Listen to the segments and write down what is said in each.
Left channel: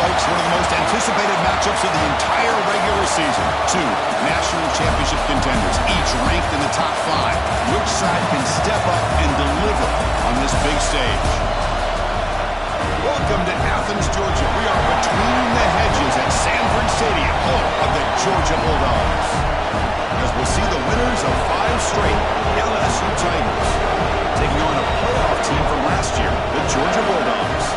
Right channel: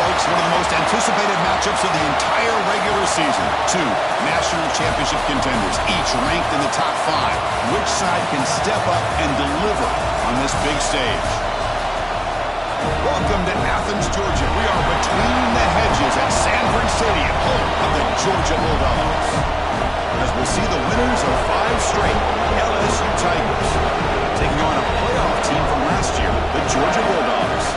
folks, one of the most anticipated matchups of the entire regular season. Two national championship contenders, each ranked in the top 5. Which side can step up and deliver on this big stage? Welcome to Athens, Georgia. We are between the hedges at Sanford Stadium, home of the Georgia Bulldogs. As we'll see the winners of 5 straight LSU Tigers taking on a playoff team from last year, the Georgia Bulldogs.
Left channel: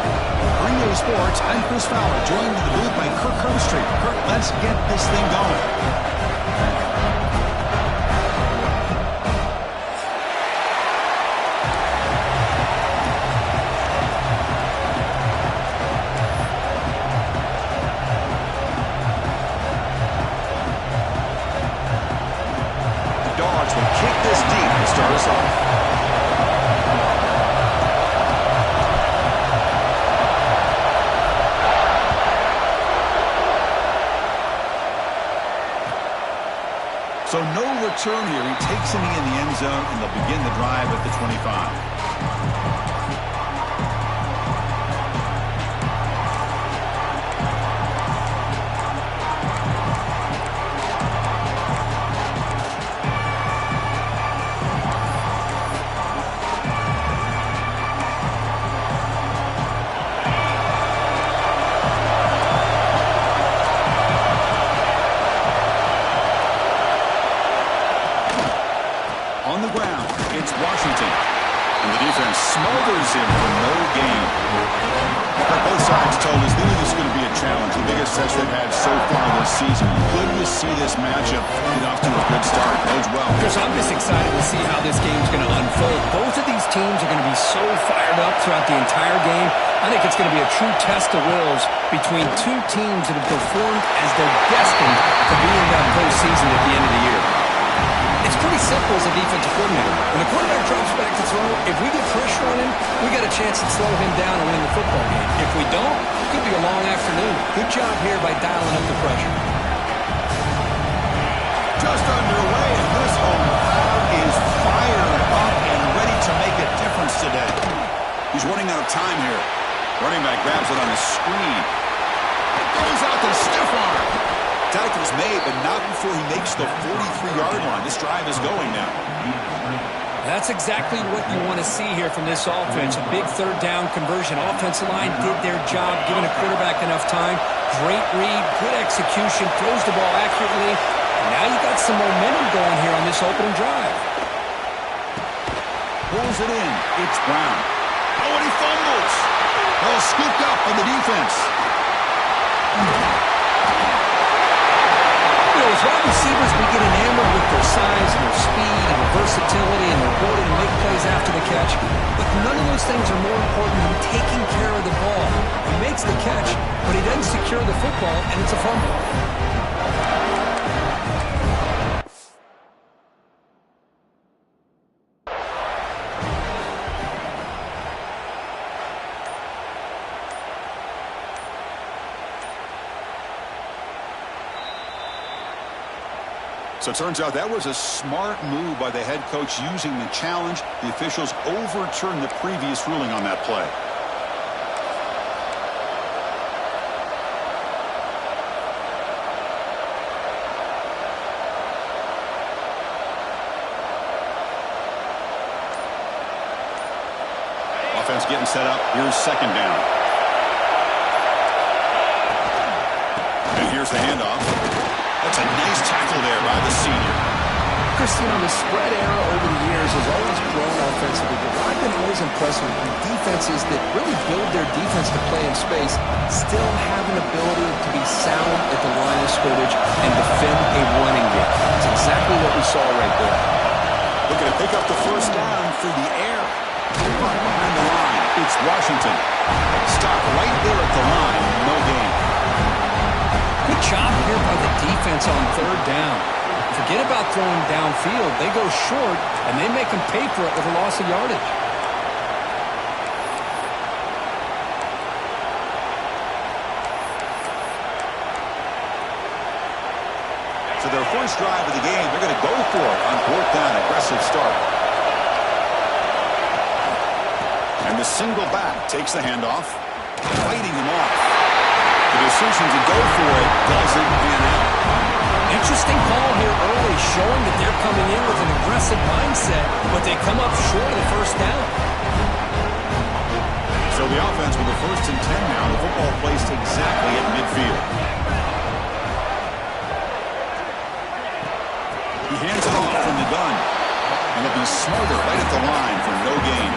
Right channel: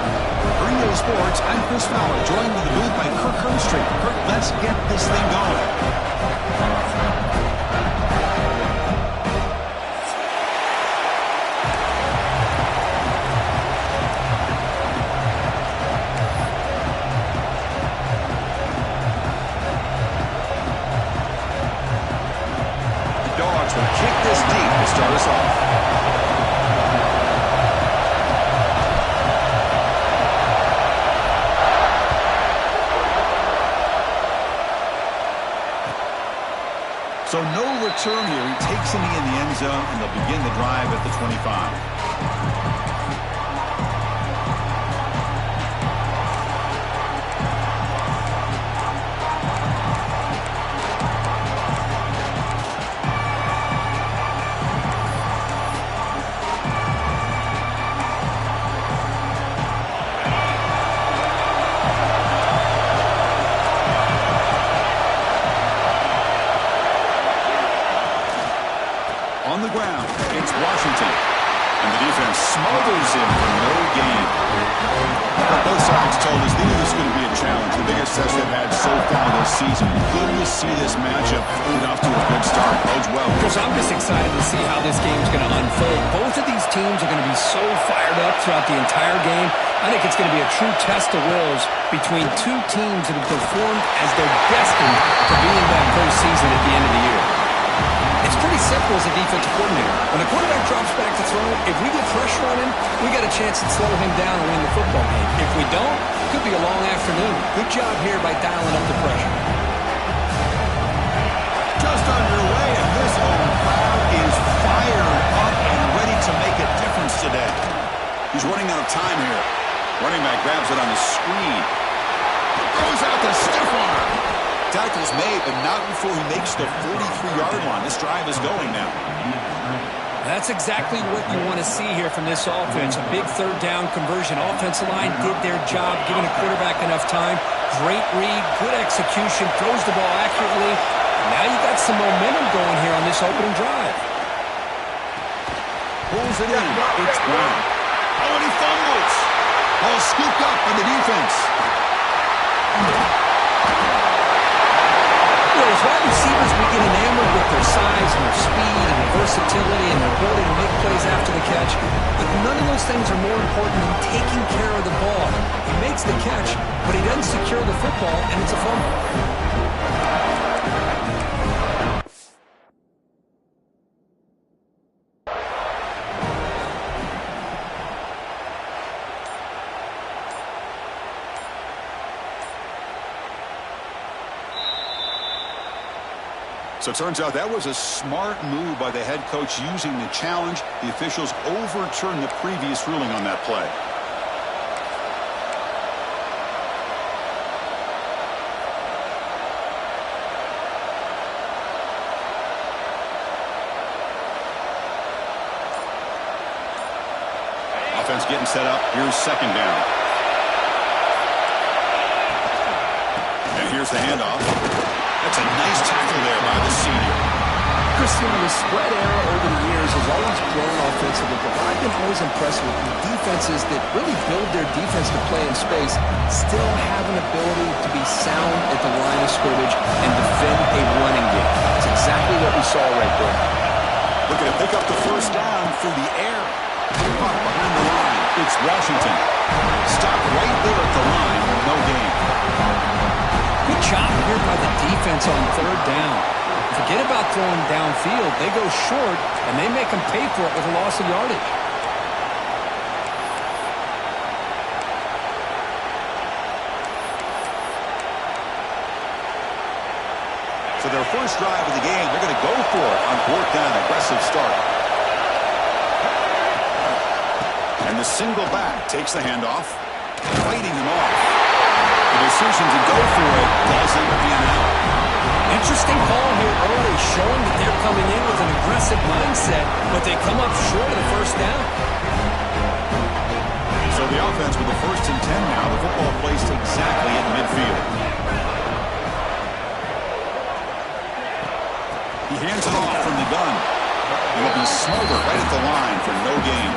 Green Day Sports, I'm Chris Fowler, joined in the booth by Kirk Herbstreit. Kirk, let's get this thing going. Will kick this deep to start us off. So no return here. He takes a knee in the end zone, and they'll begin the drive at the 25. On the ground, it's Washington. And the defense smothers him for no gain. But both sides told us they knew this was going to be a challenge, the biggest test they've had so far this season. Good to see this matchup get off to a good start. Bodes well. Chris, I'm just excited to see how this game's going to unfold. Both of these teams are going to be so fired up throughout the entire game. I think it's going to be a true test of wills between two teams that have performed as they're destined to be in that postseason at the end of the year. It's pretty simple as a defensive coordinator. When the quarterback drops back to throw, if we get pressure on him, we got a chance to slow him down and win the football game. If we don't, it could be a long afternoon. Good job here by dialing up the pressure. Just underway, and this home crowd is fired up and ready to make a difference today. He's running out of time here. Running back grabs it on the screen. Throws out the stiff arm. Tackles made, but not before he makes the 43-yard line. This drive is going now. That's exactly what you want to see here from this offense. A big third down conversion. Offensive line did their job, giving a quarterback enough time. Great read, good execution, throws the ball accurately. And now you got some momentum going here on this opening drive. Pulls it in. It's Brown. Oh, and he fumbles. Ball scooped up by the defense. As wide receivers, we get enamored with their size and their speed and their versatility and their ability to make plays after the catch. But none of those things are more important than taking care of the ball. He makes the catch, but he doesn't secure the football, and it's a fumble. So it turns out that was a smart move by the head coach using the challenge. The officials overturned the previous ruling on that play. Offense getting set up. Here's second down. And here's the handoff. That's a nice tackle there by the senior. Christian, the spread era over the years has always grown offensively, but I've been always impressed with the defenses that really build their defense to play in space, still have an ability to be sound at the line of scrimmage and defend a running game. It's exactly what we saw right there. Looking to pick up the first down through the air. Caught behind the line. It's Washington. Stop right there at the line. No gain. Good job here by the defense on third down. Forget about throwing downfield. They go short, and they make them pay for it with a loss of yardage. So their first drive of the game, they're going to go for it on fourth down. Aggressive start. And the single back takes the handoff, fighting him off. The decision to go for it doesn't pan out. Interesting call here early, showing that they're coming in with an aggressive mindset, but they come up short of the first down. So the offense with the 1st and 10 now. The football placed exactly at midfield. He hands it off from the gun. And will be smothered right at the line for no gain.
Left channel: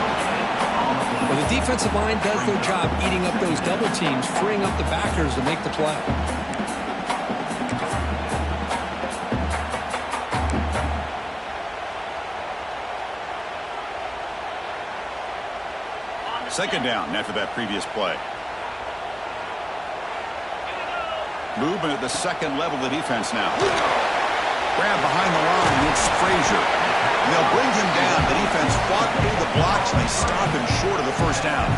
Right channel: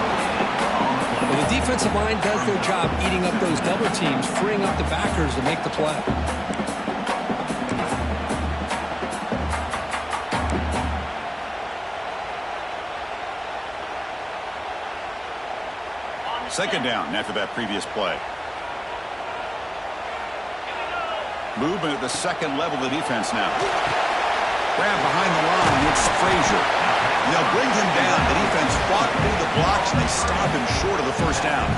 Well, the defensive line does their job eating up those double teams, freeing up the backers to make the play. Second down after that previous play. Movement at the second level of the defense now. Grab behind the line. It's Frazier. And they'll bring him down. The defense fought through the blocks, and they stop him short of the first down.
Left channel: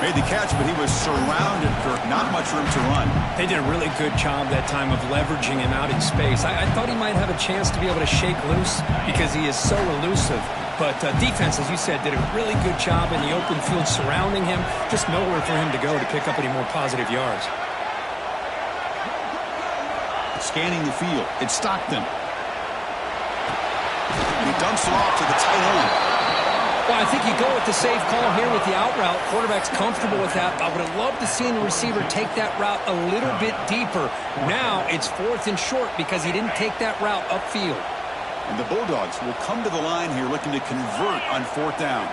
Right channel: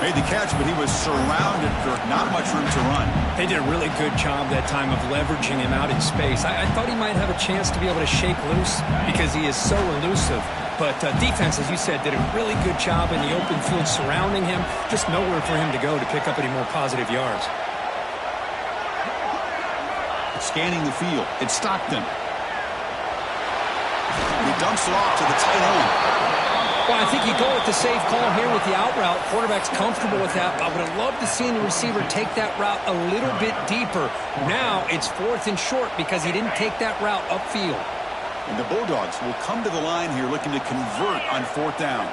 Made the catch, but he was surrounded, Kirk. Not much room to run. They did a really good job that time of leveraging him out in space. I thought he might have a chance to be able to shake loose because he is so elusive. But defense, as you said, did a really good job in the open field surrounding him. Just nowhere for him to go to pick up any more positive yards. Scanning the field. It's Stockton. And he dumps it off to the tight end. Well, I think you go with the safe call here with the out route. Quarterback's comfortable with that. I would have loved to see the receiver take that route a little bit deeper. Now it's 4th and short because he didn't take that route upfield. And the Bulldogs will come to the line here looking to convert on 4th down.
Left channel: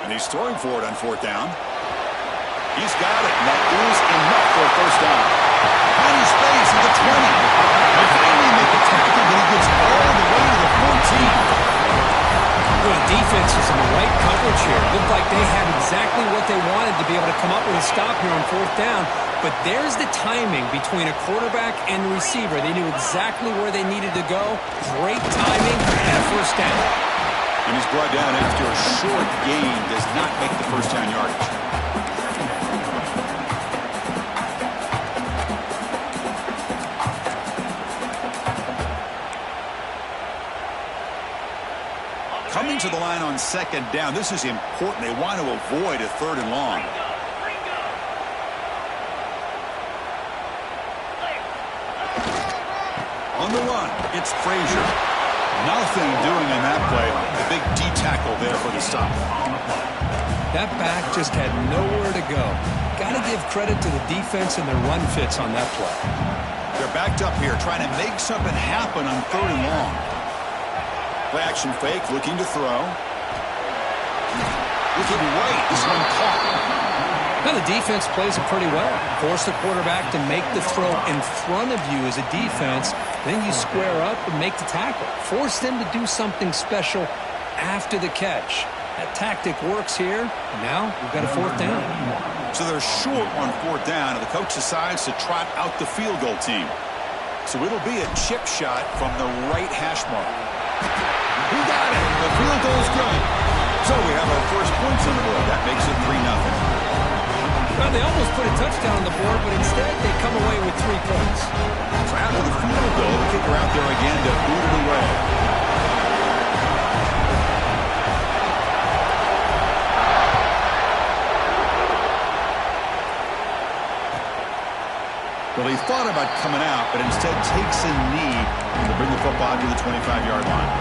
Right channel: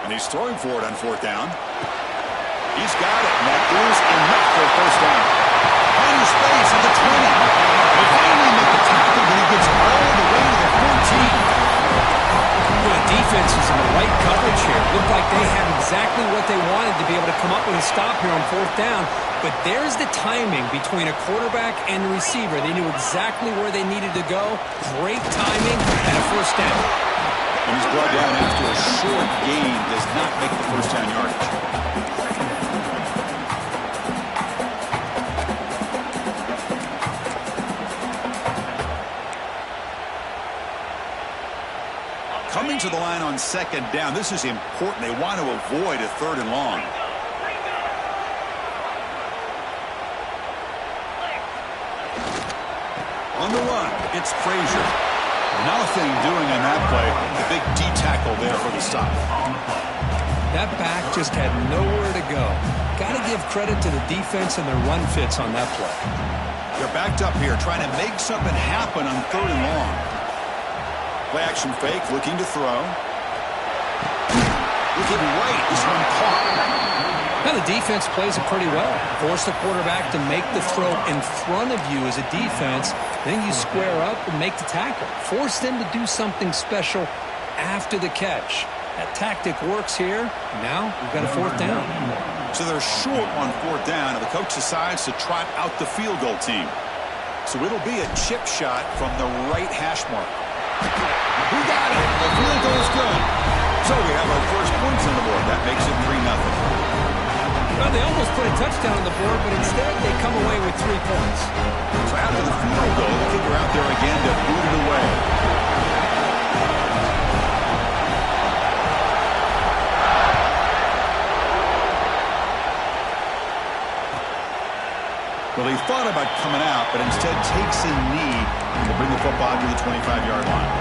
And he's throwing for it on 4th down. He's got it, and that is enough for a first down. Finding space at the 20. They finally make the tackle, but he gets all the way to the 14. Well, the defense is in the right coverage here. Looked like they had exactly what they wanted to be able to come up with a stop here on 4th down. But there's the timing between a quarterback and the receiver. They knew exactly where they needed to go. Great timing and a first down. And he's brought down after a short gain. Does not make the first down yardage. Coming to the line on 2nd down. This is important. They want to avoid a 3rd and long. On the run, it's Frazier. Nothing doing on that play. The big D tackle there for the stop. That back just had nowhere to go. Got to give credit to the defense and their run fits on that play. They're backed up here trying to make something happen on 3rd and long. Play action fake, looking to throw. Looking right, this one caught. Now the defense plays it pretty well. Force the quarterback to make the throw in front of you as a defense. Then you square up and make the tackle. Force them to do something special after the catch. That tactic works here. Now we've got a 4th down. So they're short on 4th down, and the coach decides to trot out the field goal team. So it'll be a chip shot from the right hash mark. He got it. The field goal's good. So we have our first points on the board. That makes it 3-0. Well, they almost put a touchdown on the board, but instead they come away with 3 points. So after the field goal, the kicker out there again to boot it away. Well, he thought about coming out, but instead takes a knee to bring the football to the 25-yard line.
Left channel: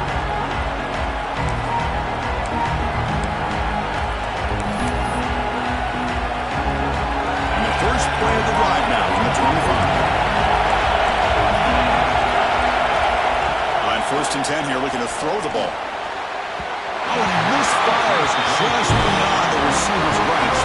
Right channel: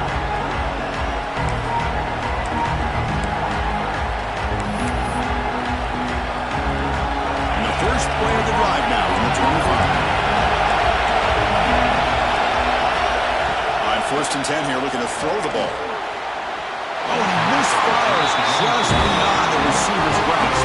And the first play of the drive now from the 25. On 1st and 10 here, looking to throw the ball. Oh, and he misfires just beyond the receiver's grasp.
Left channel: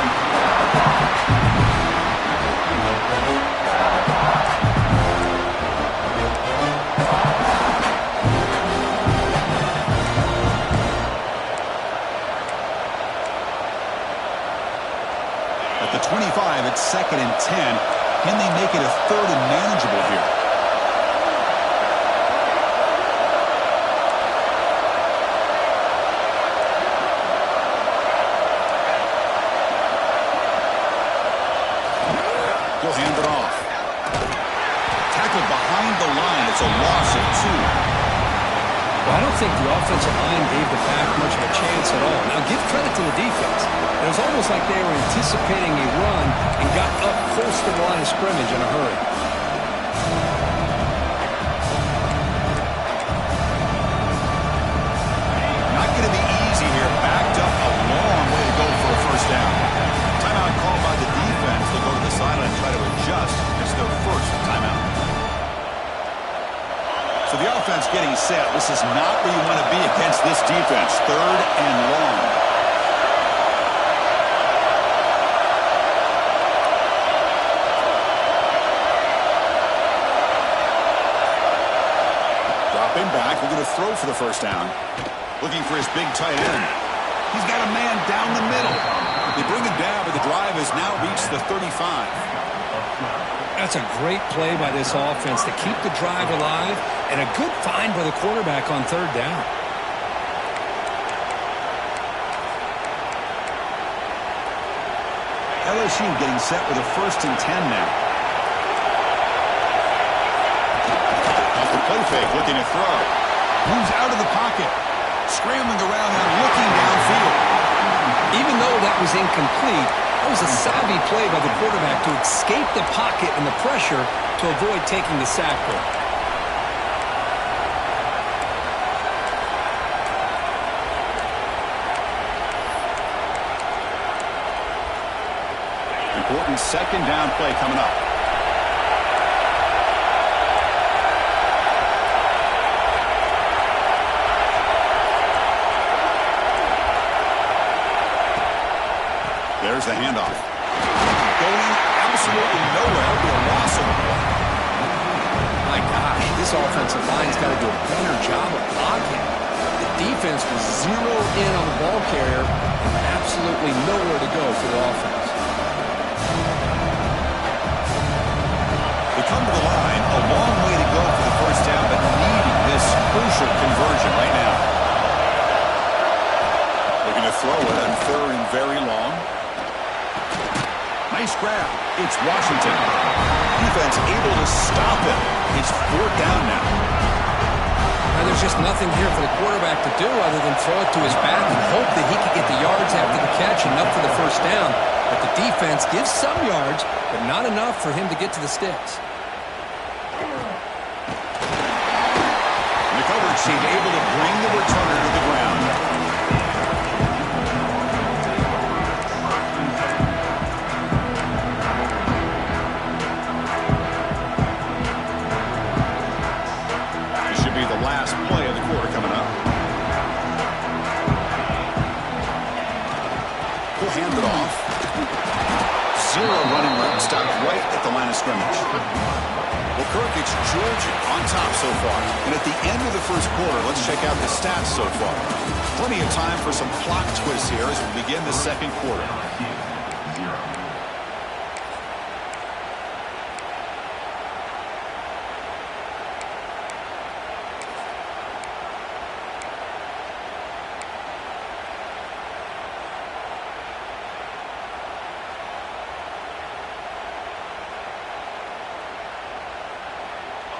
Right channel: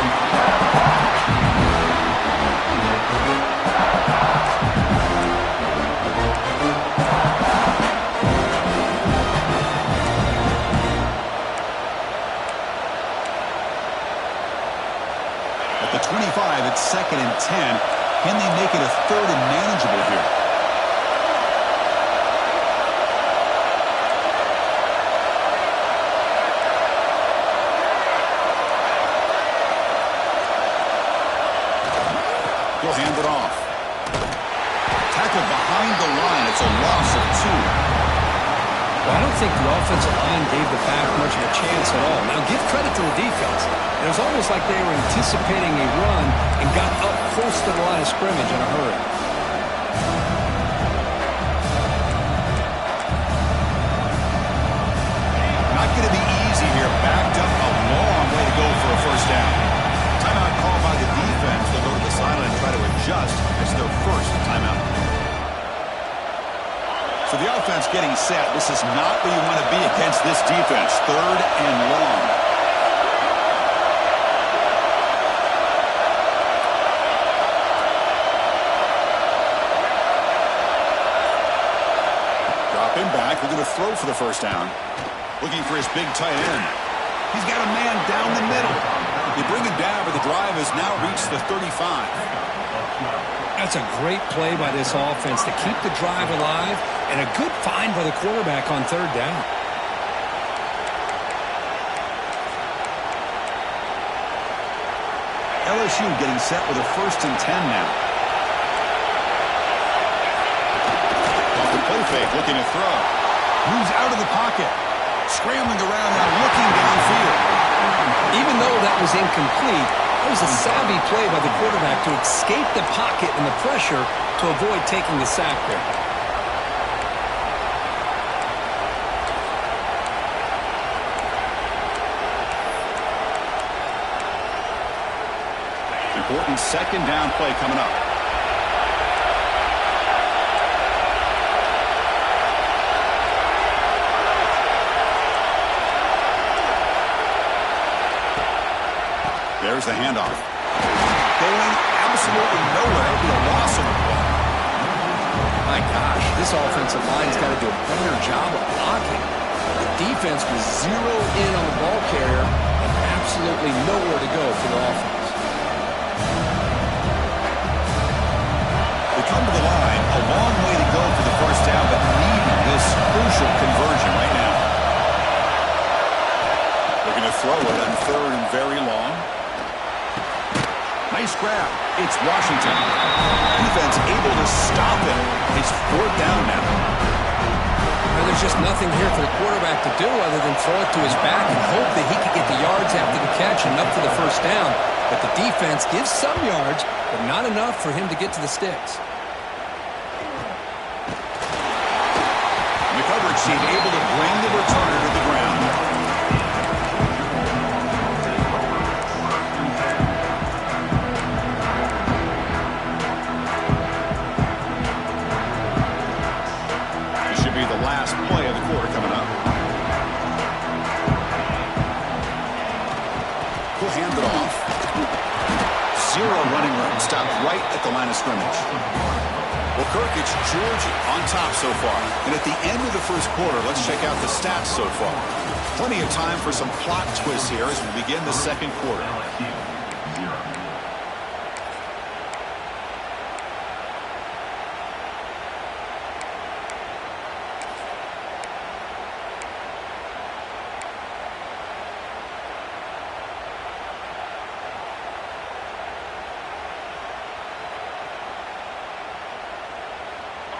At the 25, it's 2nd and 10. Can they make it a 3rd and manageable here? He'll hand it off. Tackled behind the line. It's a loss of 2. Well, I don't think the offensive line gave the back much of a chance at all. Now, give credit to the defense. It was almost like they were anticipating a run and got up close to the line of scrimmage in a hurry. Not going to be easy here. Backed up a long way to go for a first down. Timeout called by the defense. They'll go to the sideline and try to adjust. It's their first timeout. So the offense getting set. This is not where you want to be against this defense. 3rd and long. Dropping back. We're going to throw for the first down. Looking for his big tight end. He's got a man down the middle. They bring him down, but the drive has now reached the 35. That's a great play by this offense to keep the drive alive, and a good find by the quarterback on 3rd down. LSU getting set with a 1st and 10 now. Off the play fake, looking to throw. Moves out of the pocket. Scrambling around now, looking downfield. Even though that was incomplete, that was a savvy play by the quarterback to escape the pocket and the pressure to avoid taking the sack there. Important 2nd down play coming up. There's the handoff. Going absolutely nowhere. It'll be a loss on the play. My gosh, this offensive line's got to do a better job of blocking. The defense was zeroed in on the ball carrier and absolutely nowhere to go for the offense. They come to the line, a long way to go for the first down, but needing this crucial conversion right now. Looking to throw it on 3rd and very long. Nice grab. It's Washington. Defense able to stop him. It's 4th down now. Well, there's just nothing here for the quarterback to do other than throw it to his back and hope that he could get the yards after the catch and up for the first down. But the defense gives some yards, but not enough for him to get to the sticks. And the coverage team able to bring the returner to the ground. The last play of the quarter coming up. He'll hand it off. 0 running room. Stopped right at the line of scrimmage. Well, Kirk, it's Georgia on top so far. And at the end of the first quarter, let's check out the stats so far. Plenty of time for some plot twists here as we begin the 2nd quarter.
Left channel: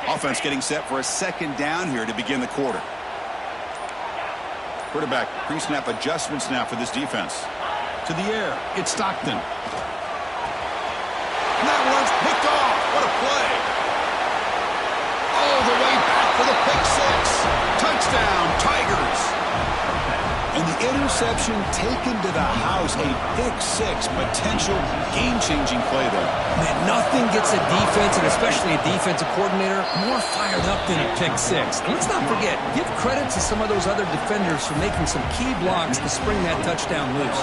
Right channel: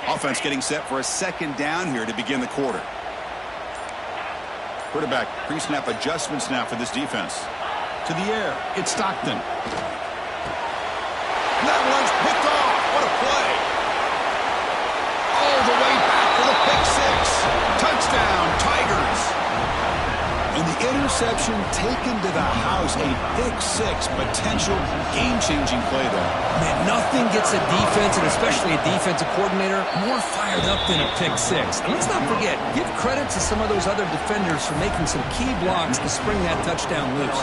Offense getting set for a 2nd down here to begin the quarter. Quarterback pre-snap adjustments now for this defense. To the air, it's Stockton. And that one's picked off. What a play. All the way back for the pick 6. Touchdown, Tigers. And the interception taken to the house. A pick 6, potential game-changing play there. Man, nothing gets a defense, and especially a defensive coordinator, more fired up than a pick 6. And let's not forget, give credit to some of those other defenders for making some key blocks to spring that touchdown loose.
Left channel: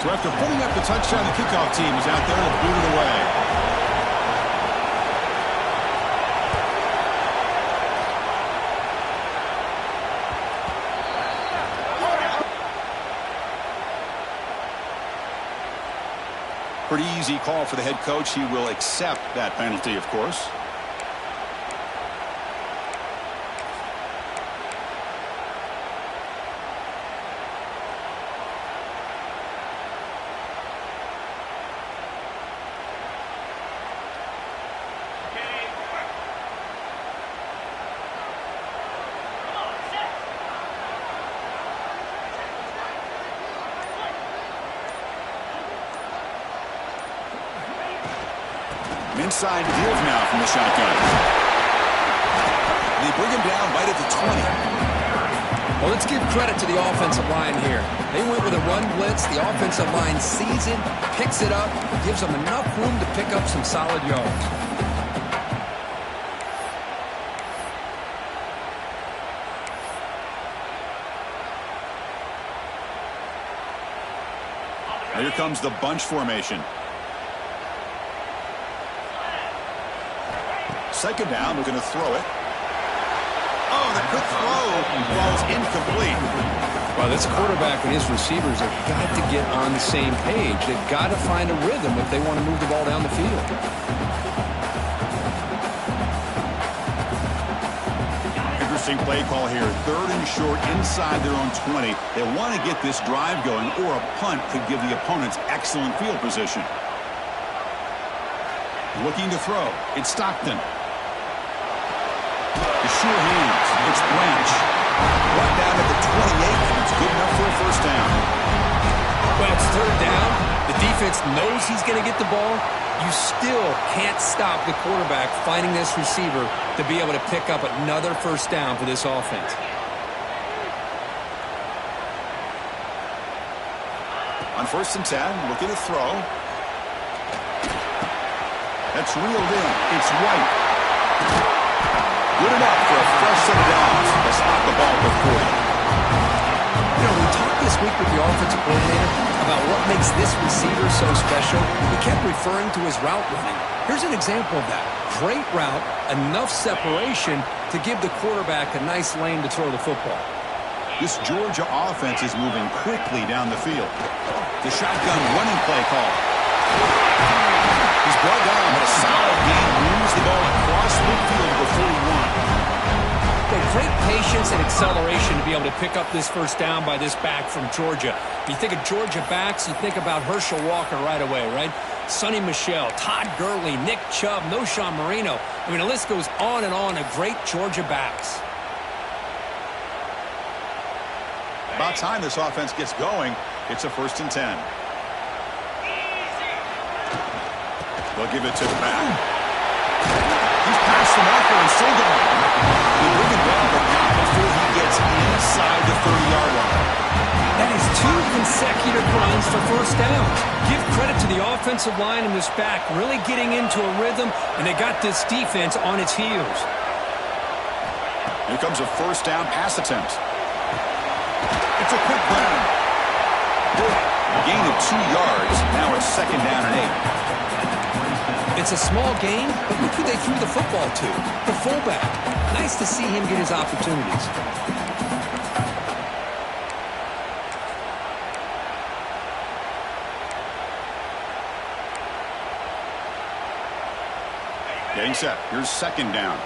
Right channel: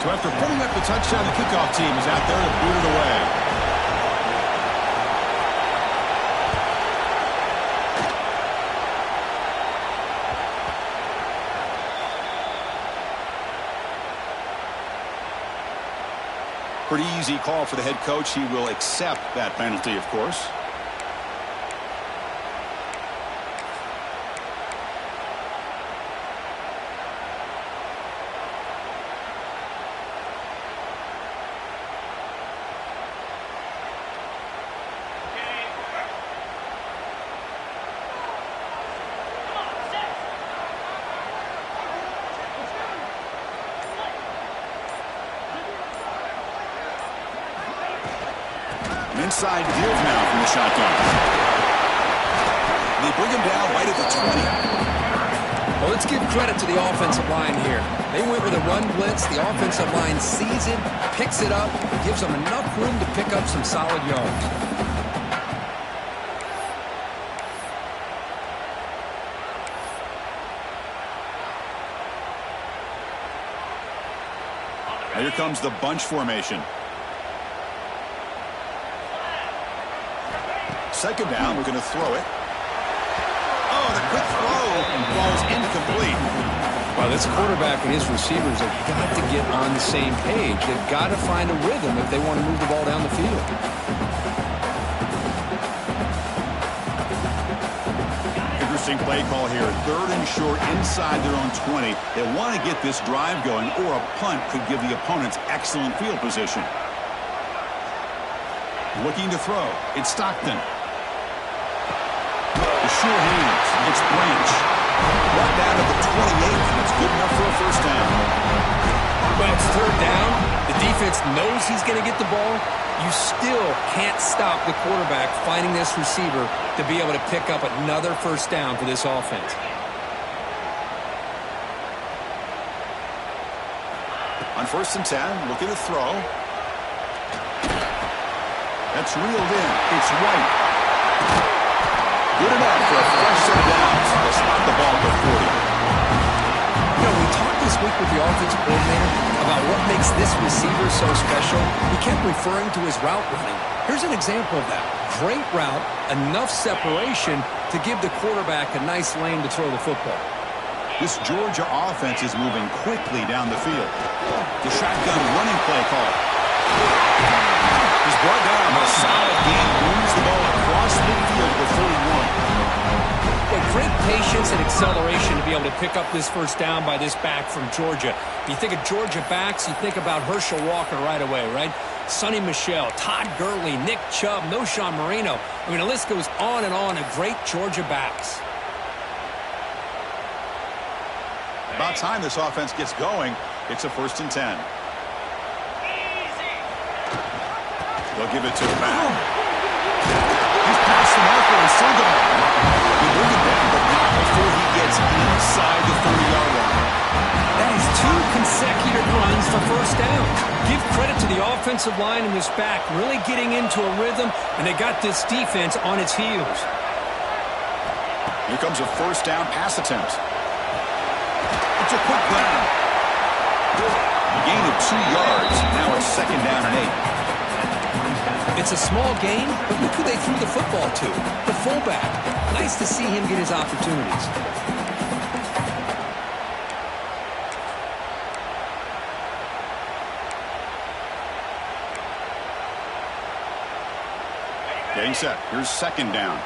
So after putting up the touchdown, the kickoff team is out there to boot it away. Pretty easy call for the head coach. He will accept that penalty, of course. inside give now from the shotgun. They bring him down right at the 20. Well, let's give credit to the offensive line here. They went with a run blitz. The offensive line sees it, picks it up, gives them enough room to pick up some solid yards. Now here comes the bunch formation. Second down, we're going to throw it. Oh, the quick throw falls incomplete. Well, this quarterback and his receivers have got to get on the same page. They've got to find a rhythm if they want to move the ball down the field. Interesting play call here. 3rd and short inside their own 20. They want to get this drive going, or a punt could give the opponents excellent field position. Looking to throw. It's Stockton. The sure hands. It's Branch. Brought down at the 28, and it's good enough for a first down. Well, it's 3rd down. The defense knows he's going to get the ball. You still can't stop the quarterback finding this receiver to be able to pick up another first down for this offense. On 1st and 10, looking to throw. That's reeled in. It's White. Good enough for a fresh set of downs. They'll spot the ball at the 40. You know, we talked this week with the offensive coordinator about what makes this receiver so special. He kept referring to his route running. Here's an example of that. Great route, enough separation to give the quarterback a nice lane to throw the football. This Georgia offense is moving quickly down the field. The shotgun running play call. He's brought down, but a solid gain moves the ball across midfield to the 41. Great patience and acceleration to be able to pick up this first down by this back from Georgia. You think of Georgia backs, you think about Herschel Walker right away, right? Sonny Michel, Todd Gurley, Nick Chubb, Noshawn Marino. I mean, the list goes on and on of great Georgia backs. About time this offense gets going. It's a 1st and 10. They'll give it to the back. He's past the marker and still going. They bring him down, but not before he gets inside the 30-yard line. That is 2 consecutive runs for first downs. Give credit to the offensive line and this back really getting into a rhythm, and they got this defense on its heels. Here comes a first down pass attempt. It's a quick grab. A gain of 2 yards. Now it's 2nd down and 8. It's a small gain, but look who they threw the football to. The fullback. Nice to see him get his opportunities. Getting set. Here's 2nd down.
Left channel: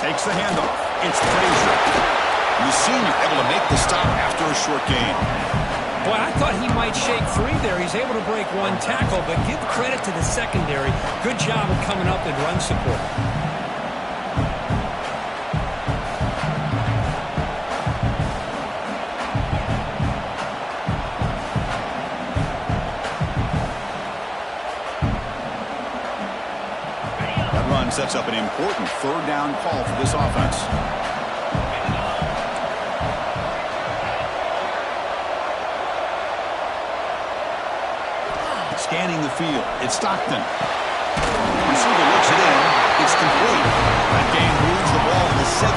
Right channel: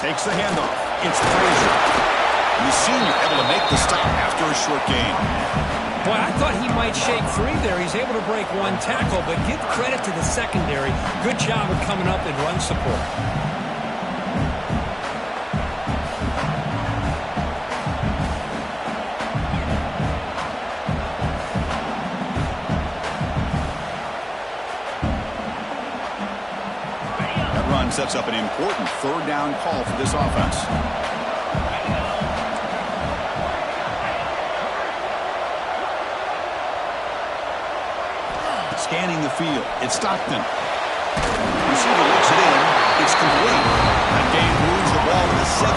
Takes the handoff. It's Frazier. The senior able to make the stop after a short gain. Boy, I thought he might shake free there. He's able to break 1 tackle, but give credit to the secondary. Good job of coming up and run support. That run sets up an important 3rd down call for this offense. Scanning the field. It's Stockton. Receiver looks it in. It's complete. That gain moves the ball to the 17.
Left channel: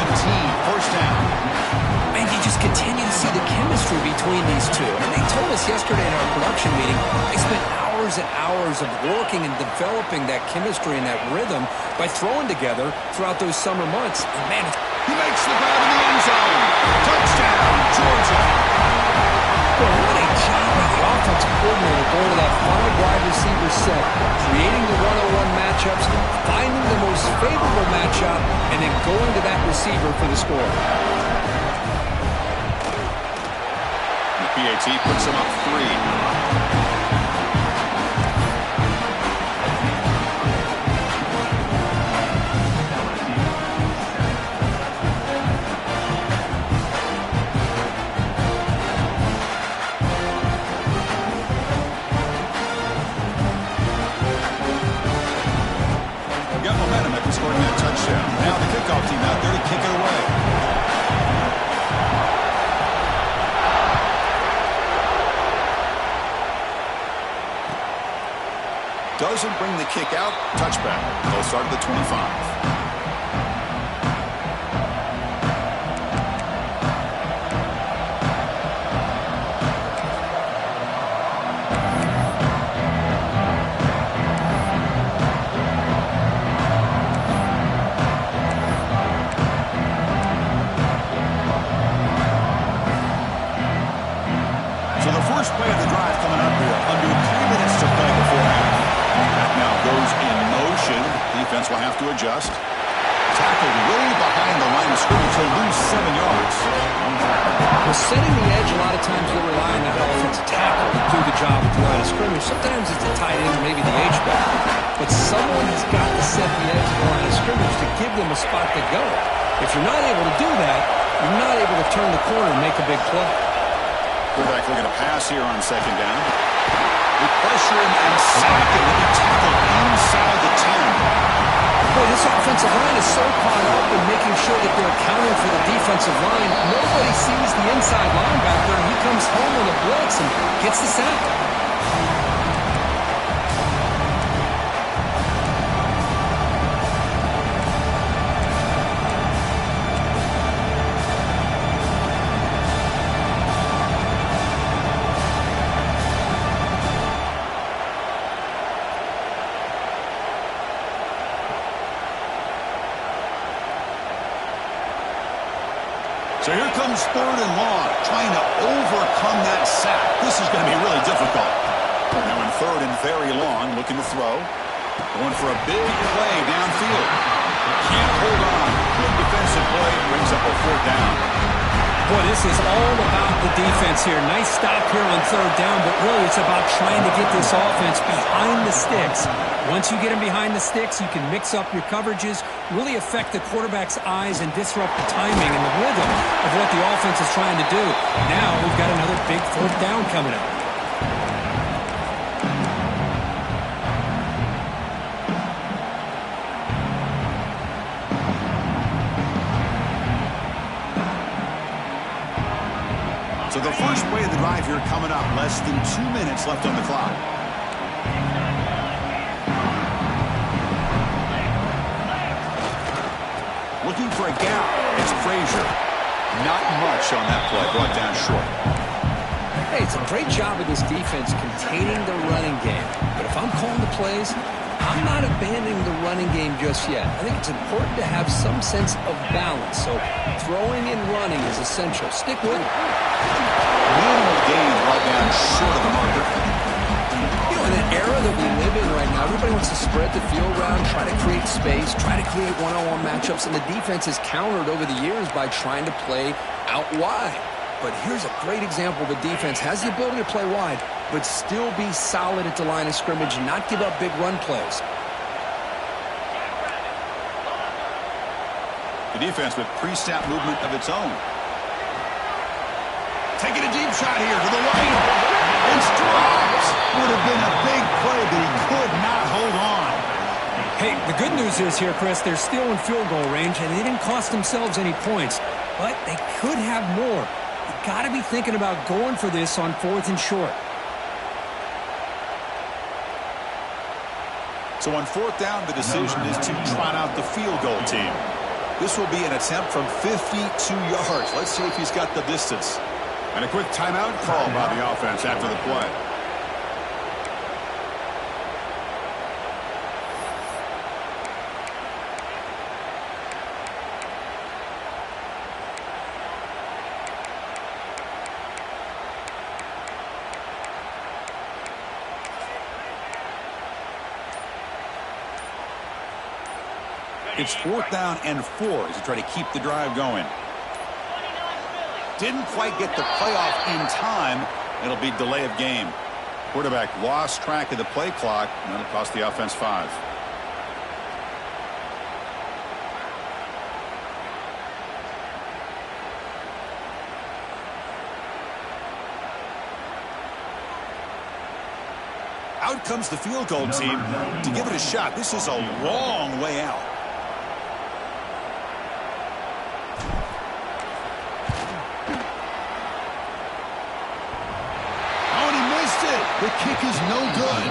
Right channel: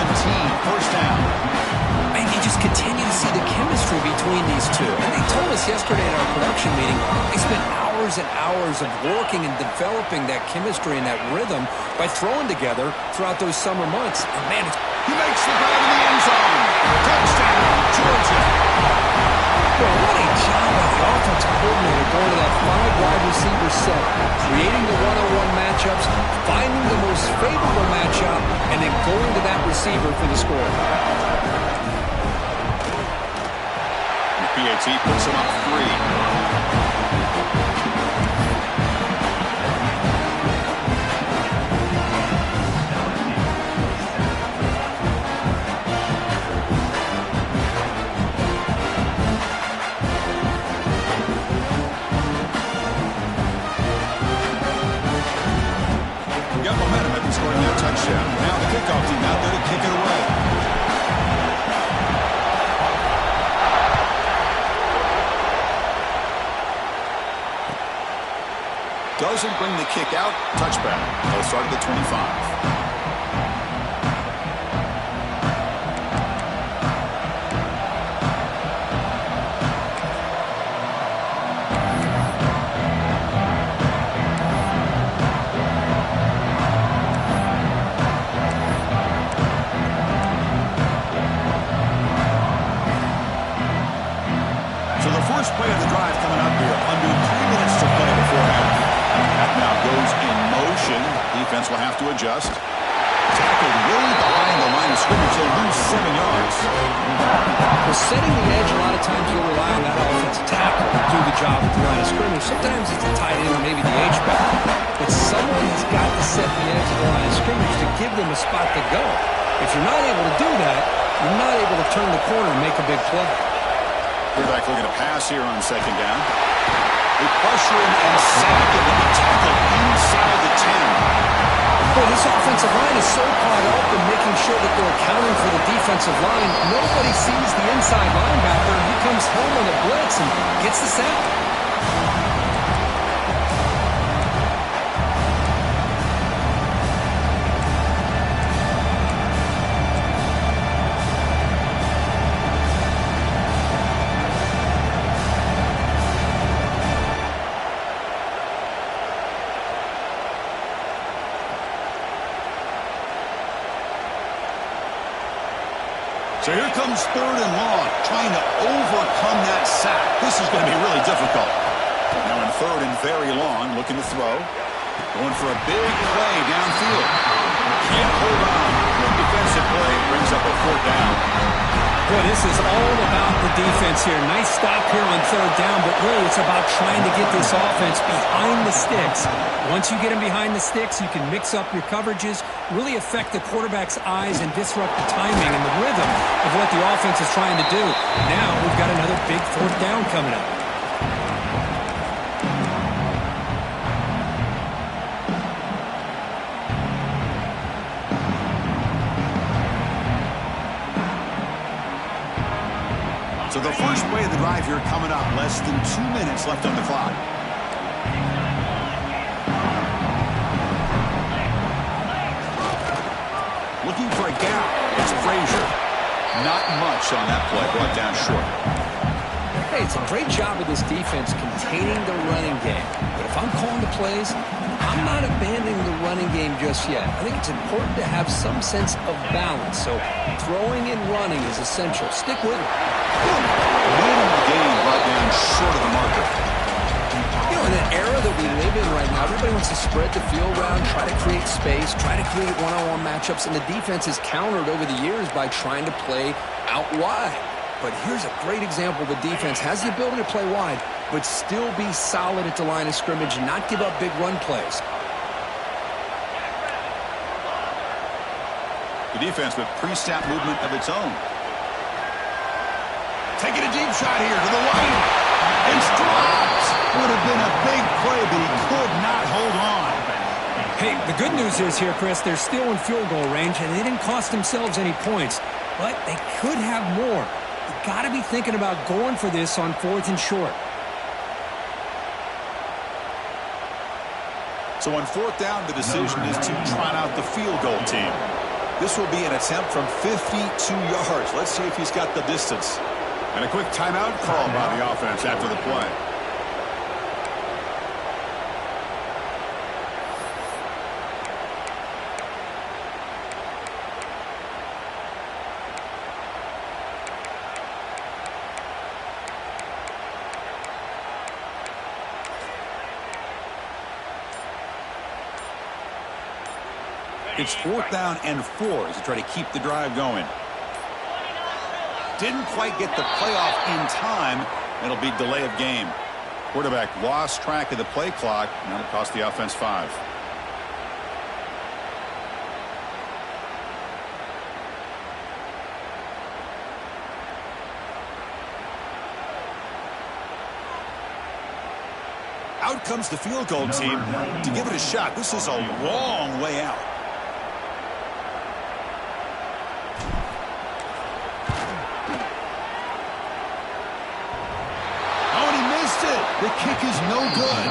First down. Man, you just continue to see the chemistry between these two. And they told us yesterday in our production meeting, they spent hours and hours of working and developing that chemistry and that rhythm by throwing together throughout those summer months. And man, he makes the grab in the end zone. Touchdown, Georgia. Well, what a job by the offensive coordinator going to that 5 wide receiver set, creating the one-on-one matchups, finding the most favorable matchup, and then going to that receiver for the score. The PAT puts him up 3. momentum after scoring that touchdown. Now the kickoff team out there to kick it away. Doesn't bring the kick out. Touchback. They'll start at the 25. So the first play of the drive coming up here. Under 3 minutes to play before half. That now goes in motion. Defense will have to adjust. Tackled way behind the line of scrimmage. He'll lose 7 yards. Well, setting the edge, a lot of times you'll rely on that offensive tackle to do the job at the line of scrimmage. Sometimes it's a tight end or maybe the H-back. But someone has got to set the edge of the line of scrimmage to give them a spot to go. If you're not able to do that, you're not able to turn the corner and make a big play. Quarterback looking to pass here on second down. They pressure him and sack him. He'll be tackled inside the 10. Boy, this offensive line is so caught up in making sure that they're accounting for the defensive line. Nobody sees the inside linebacker. He comes home on a blitz and gets the sack. So here comes 3rd and long, trying to overcome that sack. This is going to be really difficult. Now in 3rd and very long, looking to throw. Going for a big play downfield. Can't hold on. Good defensive play, brings up a 4th down. Boy, this is all about the defense here. Nice stop here on 3rd down, but really it's about trying to get this offense behind the sticks. Once you get them behind the sticks, you can mix up your coverages, really affect the quarterback's eyes and disrupt the timing and the rhythm of what the offense is trying to do. Now we've got another big 4th down coming up. So the first play of the drive here coming up. Less than 2 minutes left on the clock. Looking for a gap. It's Frazier. Not much on that play. Brought down short. Hey, it's a great job of this defense containing the running game. But if I'm calling the plays, I'm not abandoning the running game just yet. I think it's important to have some sense of balance. So throwing and running is essential. Stick with it. Minimal gain brought down short of the marker. You know, in an era that we live in right now, everybody wants to spread the field around, try to create space, try to create one-on-one matchups, and the defense has countered over the years by trying to play out wide. But here's a great example. The defense has the ability to play wide, but still be solid at the line of scrimmage and not give up big run plays. The defense with pre-snap movement of its own. Taking a deep shot here to the right. It's dropped. Would have been a big play, but he could not hold on. Hey, the good news is here, Chris, they're still in field goal range, and they didn't cost themselves any points. But they could have more. You got to be thinking about going for this on 4th and short. So on 4th down, the decision is to trot out the field goal team. This will be an attempt from 52 yards. Let's see if he's got the distance. And a quick timeout call by the offense after the play. It's 4th down and 4 as they try to keep the drive going. Didn't quite get the playoff in time. It'll be delay of game. Quarterback lost track of the play clock, and that'll cost the offense 5. Out comes the field goal team to give it a shot. This is a long way out. The kick is no good.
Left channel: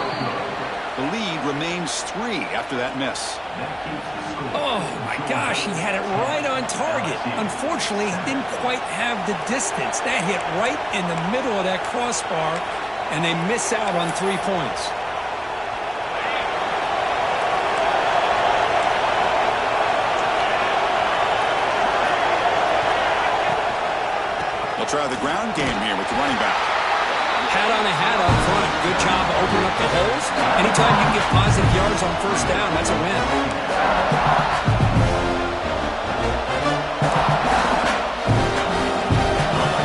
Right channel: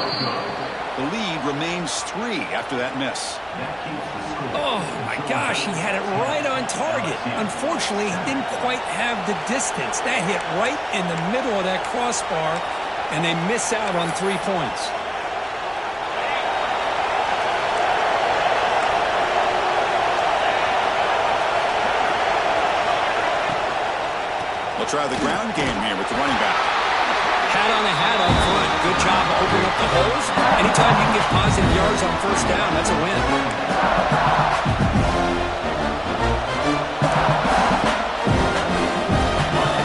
The lead remains 3 after that miss. Oh, my gosh, he had it right on target. Unfortunately, he didn't quite have the distance. That hit right in the middle of that crossbar, and they miss out on 3 points. They'll try the ground game here with the running back. Hat on a hat up front. Good job opening up the holes. Anytime you can get positive yards on first down, that's a win.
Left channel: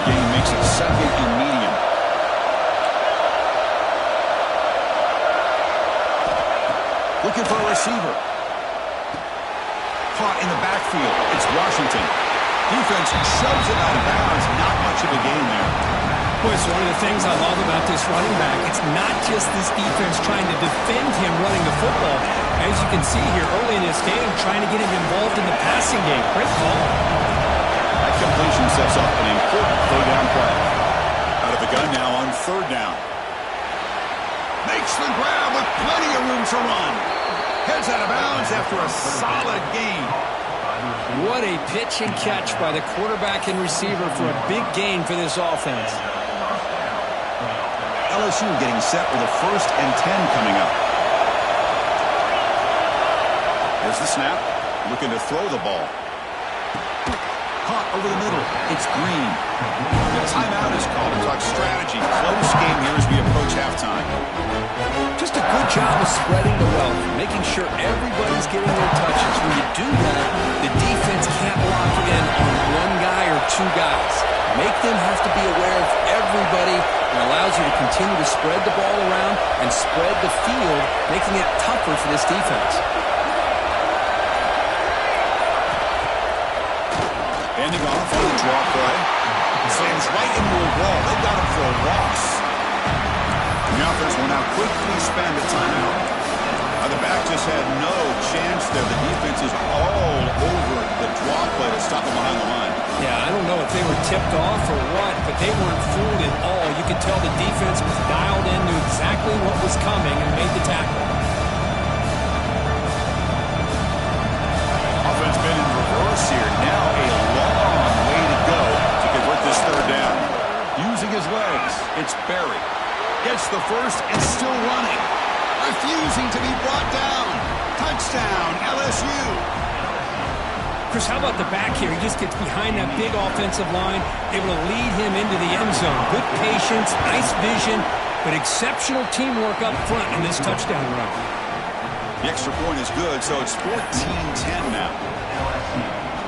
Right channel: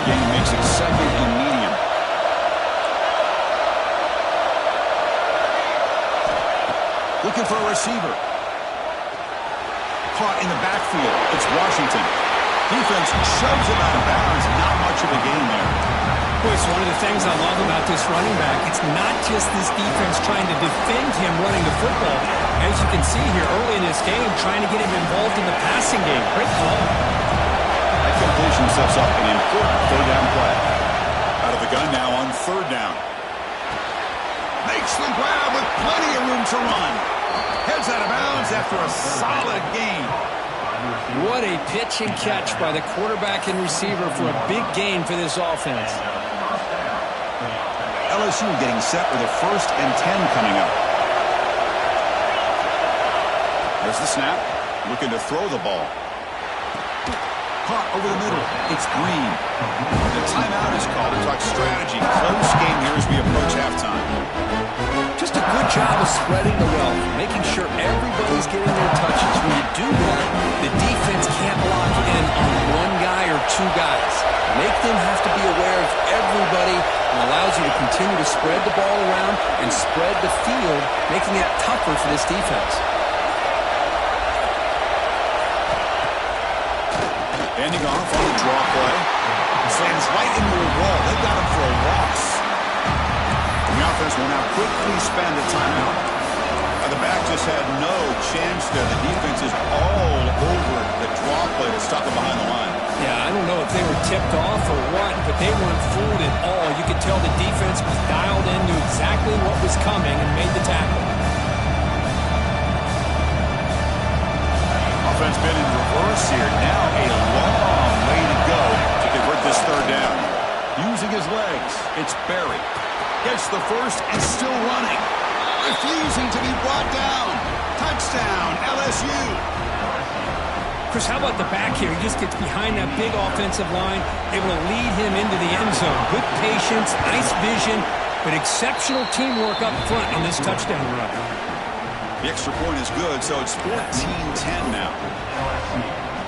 Game makes it 2nd and medium. Looking for a receiver. Caught in the backfield. It's Washington. Defense shoves it out of bounds. Not much of a gain there. Boy, it's one of the things I love about this running back. It's not just this defense trying to defend him running the football. As you can see here early in this game, trying to get him involved in the passing game. Great call. That completion sets up an important third down play. Out of the gun now on 3rd down. Makes the grab with plenty of room to run. Heads out of bounds after a solid gain. What a pitch and catch by the quarterback and receiver for a big gain for this offense. LSU getting set with a 1st and 10 coming up. There's the snap. Looking to throw the ball. Caught over the middle. It's Green. The timeout is called to talk strategy. Close game here as we approach halftime. Just a good job of spreading the wealth, making sure everybody's getting their touches. When you do that, the defense can't lock in on one guy or 2 guys. Make them have to be aware of everybody, and allows you to continue to spread the ball around and spread the field, making it tougher for this defense. Ending off on the draw play. Slams right into a wall. They got him for a loss. And the offense will now quickly spend a timeout. The back just had no chance there. The defense is all over the draw play to stop him behind the line. Yeah, I don't know if they were tipped off or what, but they weren't fooled at all. You could tell the defense was dialed in, knew exactly what was coming, and made the tackle. Offense been in reverse here. Now a long way to go to convert this 3rd down. Using his legs, it's Berry. Gets the first and still running. Refusing to be brought down. Touchdown, LSU. Chris, how about the back here? He just gets behind that big offensive line, able to lead him into the end zone. Good patience, nice vision, but exceptional teamwork up front on this touchdown run. The extra point is good, so it's 14-10 now.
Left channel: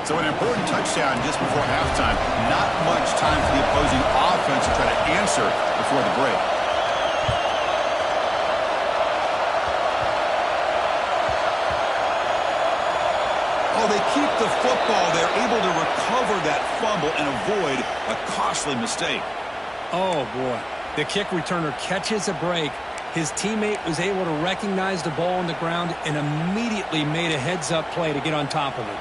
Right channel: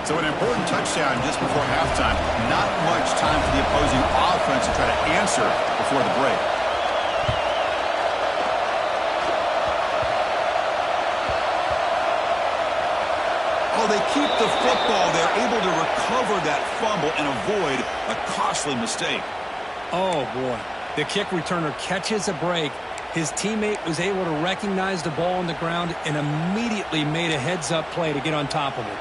So an important touchdown just before halftime. Not much time for the opposing offense to try to answer before the break. Oh, they keep the football. They're able to recover that fumble and avoid a costly mistake. Oh, boy. The kick returner catches a break. His teammate was able to recognize the ball on the ground and immediately made a heads-up play to get on top of it.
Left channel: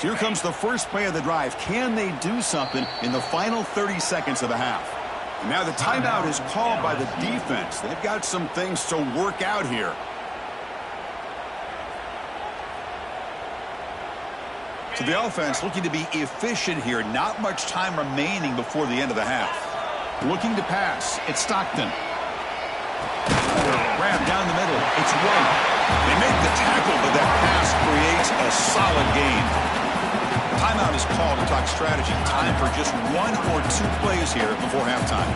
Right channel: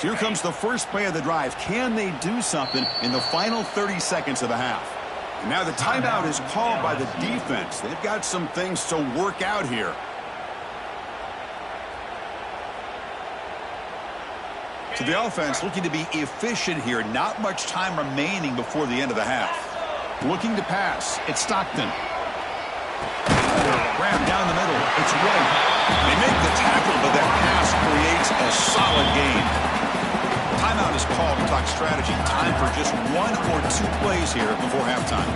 So here comes the first play of the drive. Can they do something in the final 30 seconds of the half? And now the timeout is called by the defense. They've got some things to work out here. So the offense looking to be efficient here. Not much time remaining before the end of the half. Looking to pass. It's Stockton. Grab down the middle. It's White. They make the tackle, but that pass creates a solid gain. Timeout is called to talk strategy. Time for just 1 or 2 plays here before halftime.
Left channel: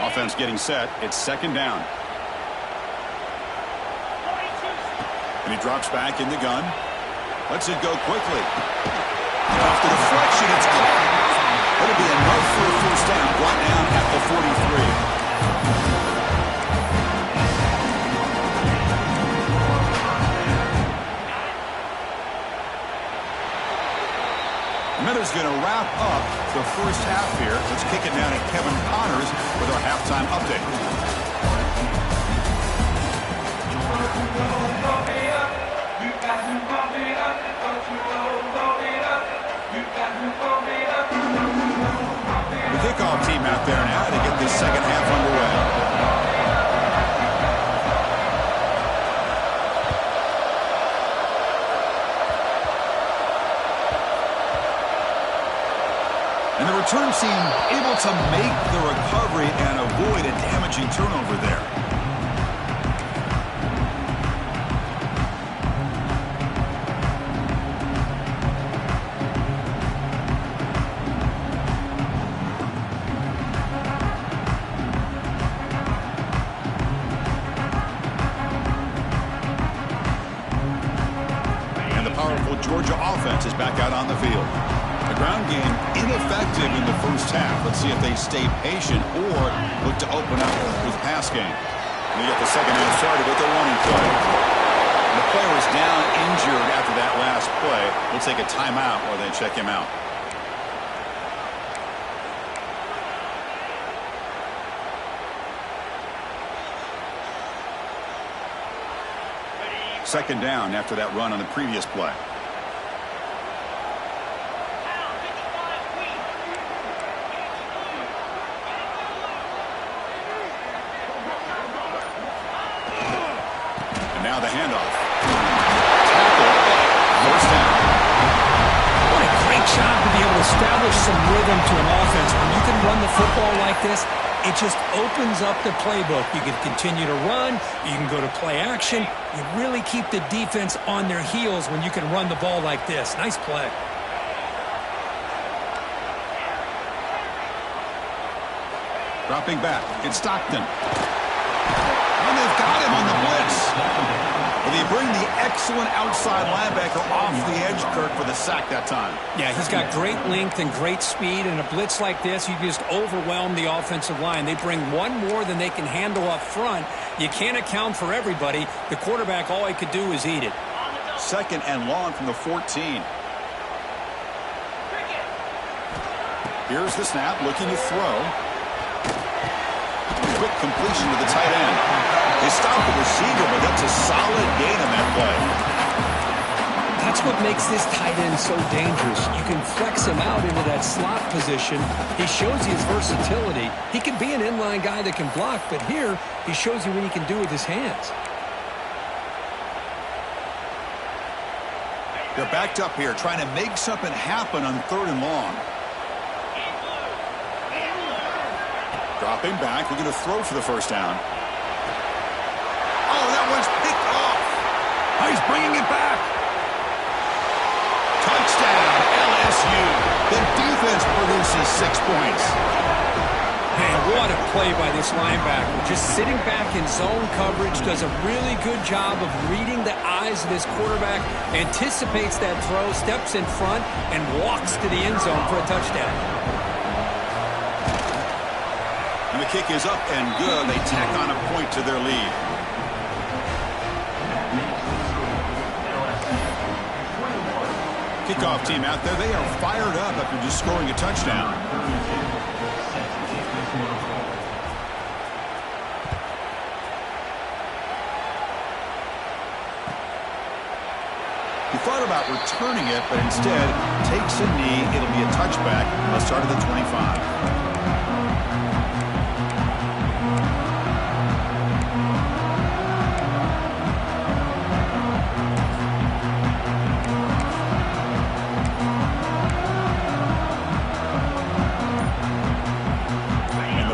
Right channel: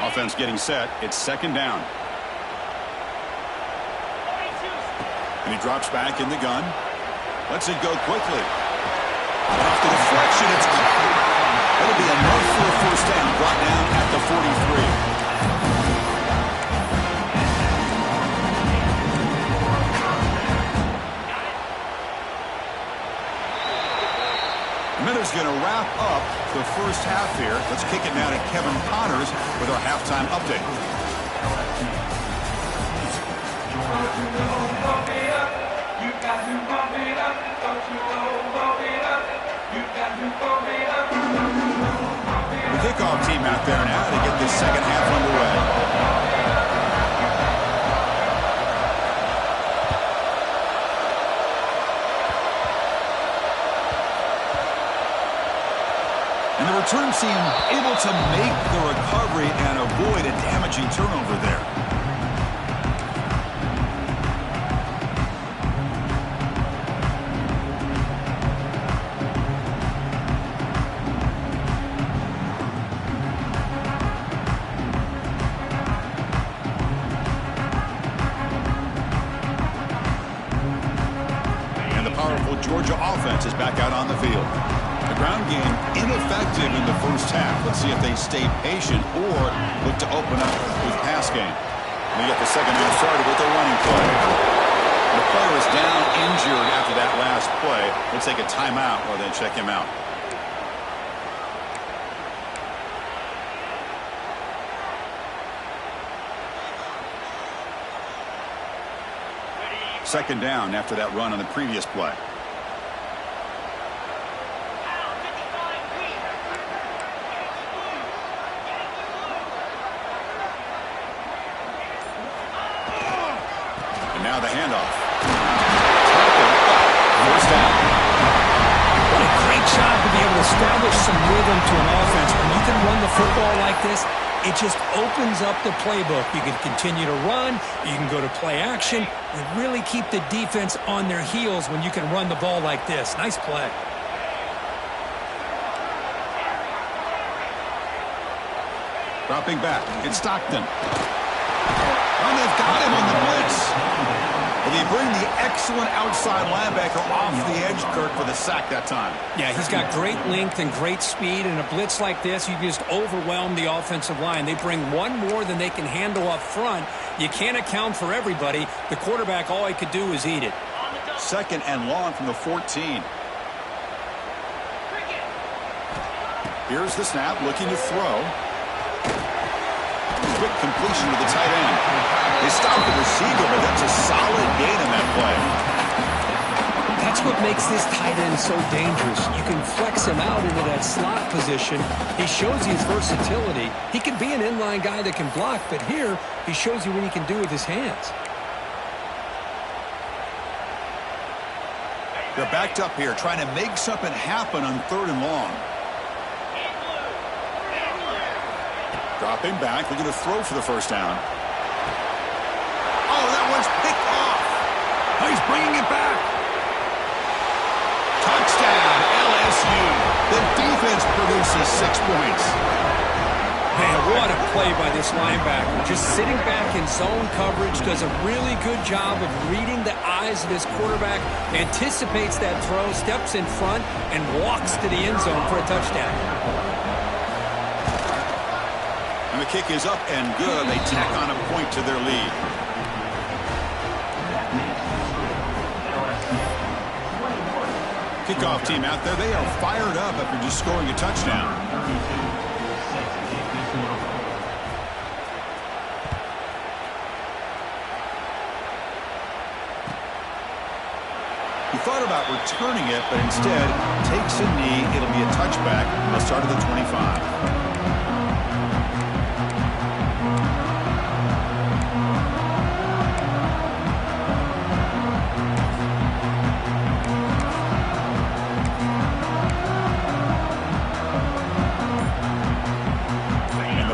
Offense getting set. It's 2nd down. And he drops back in the gun. Lets it go quickly. Off the deflection, it's caught. That'll be enough for a first down. Brought down at the 43. Minuta's going to wrap up the first half here. Let's kick it down to Kevin Connors with our halftime update. The kickoff team out there now to get this second half underway. And the return team able to make the recovery and avoid a damaging turnover there. And the powerful Georgia offense is back out on the field. The ground game ineffective in the first half. Let's see if they stay patient or look to open up with pass game. We get the second half started with the running play. The player is down injured after that last play. We'll take a timeout while they check him out. Second down after that run on the previous play. Now the handoff. Tackle, first down. What a great job to be able to establish some rhythm to an offense. When you can run the football like this, it just opens up the playbook. You can continue to run. You can go to play action. You really keep the defense on their heels when you can run the ball like this. Nice play. Dropping back. It's Stockton. And they've got him on the blitz. Well, they bring the excellent outside linebacker off the edge, Kirk, for the sack that time. Yeah, he's got great length and great speed. In a blitz like this, you just overwhelm the offensive line. They bring one more than they can handle up front. You can't account for everybody. The quarterback, all he could do is eat it. Second and long from the 14. Here's the snap, looking to throw. Quick completion to the tight end. They stopped the receiver, but that's a solid gain on that play. That's what makes this tight end so dangerous. You can flex him out into that slot position. He shows you his versatility. He can be an inline guy that can block, but here he shows you what he can do with his hands. They're backed up here, trying to make something happen on third and long. Dropping back, looking to throw for the first down. Oh, that one's picked off. Oh, he's bringing it back. Touchdown, LSU. The defense produces 6 points. Man, what a play by this linebacker. Just sitting back in zone coverage, does a really good job of reading the eyes of this quarterback, anticipates that throw, steps in front, and walks to the end zone for a touchdown. And the kick is up and good. They tack on a point to their lead. Kickoff team out there. They are fired up after just scoring a touchdown. He thought about returning it, but instead takes a knee. It'll be a touchback. They'll start at the 25.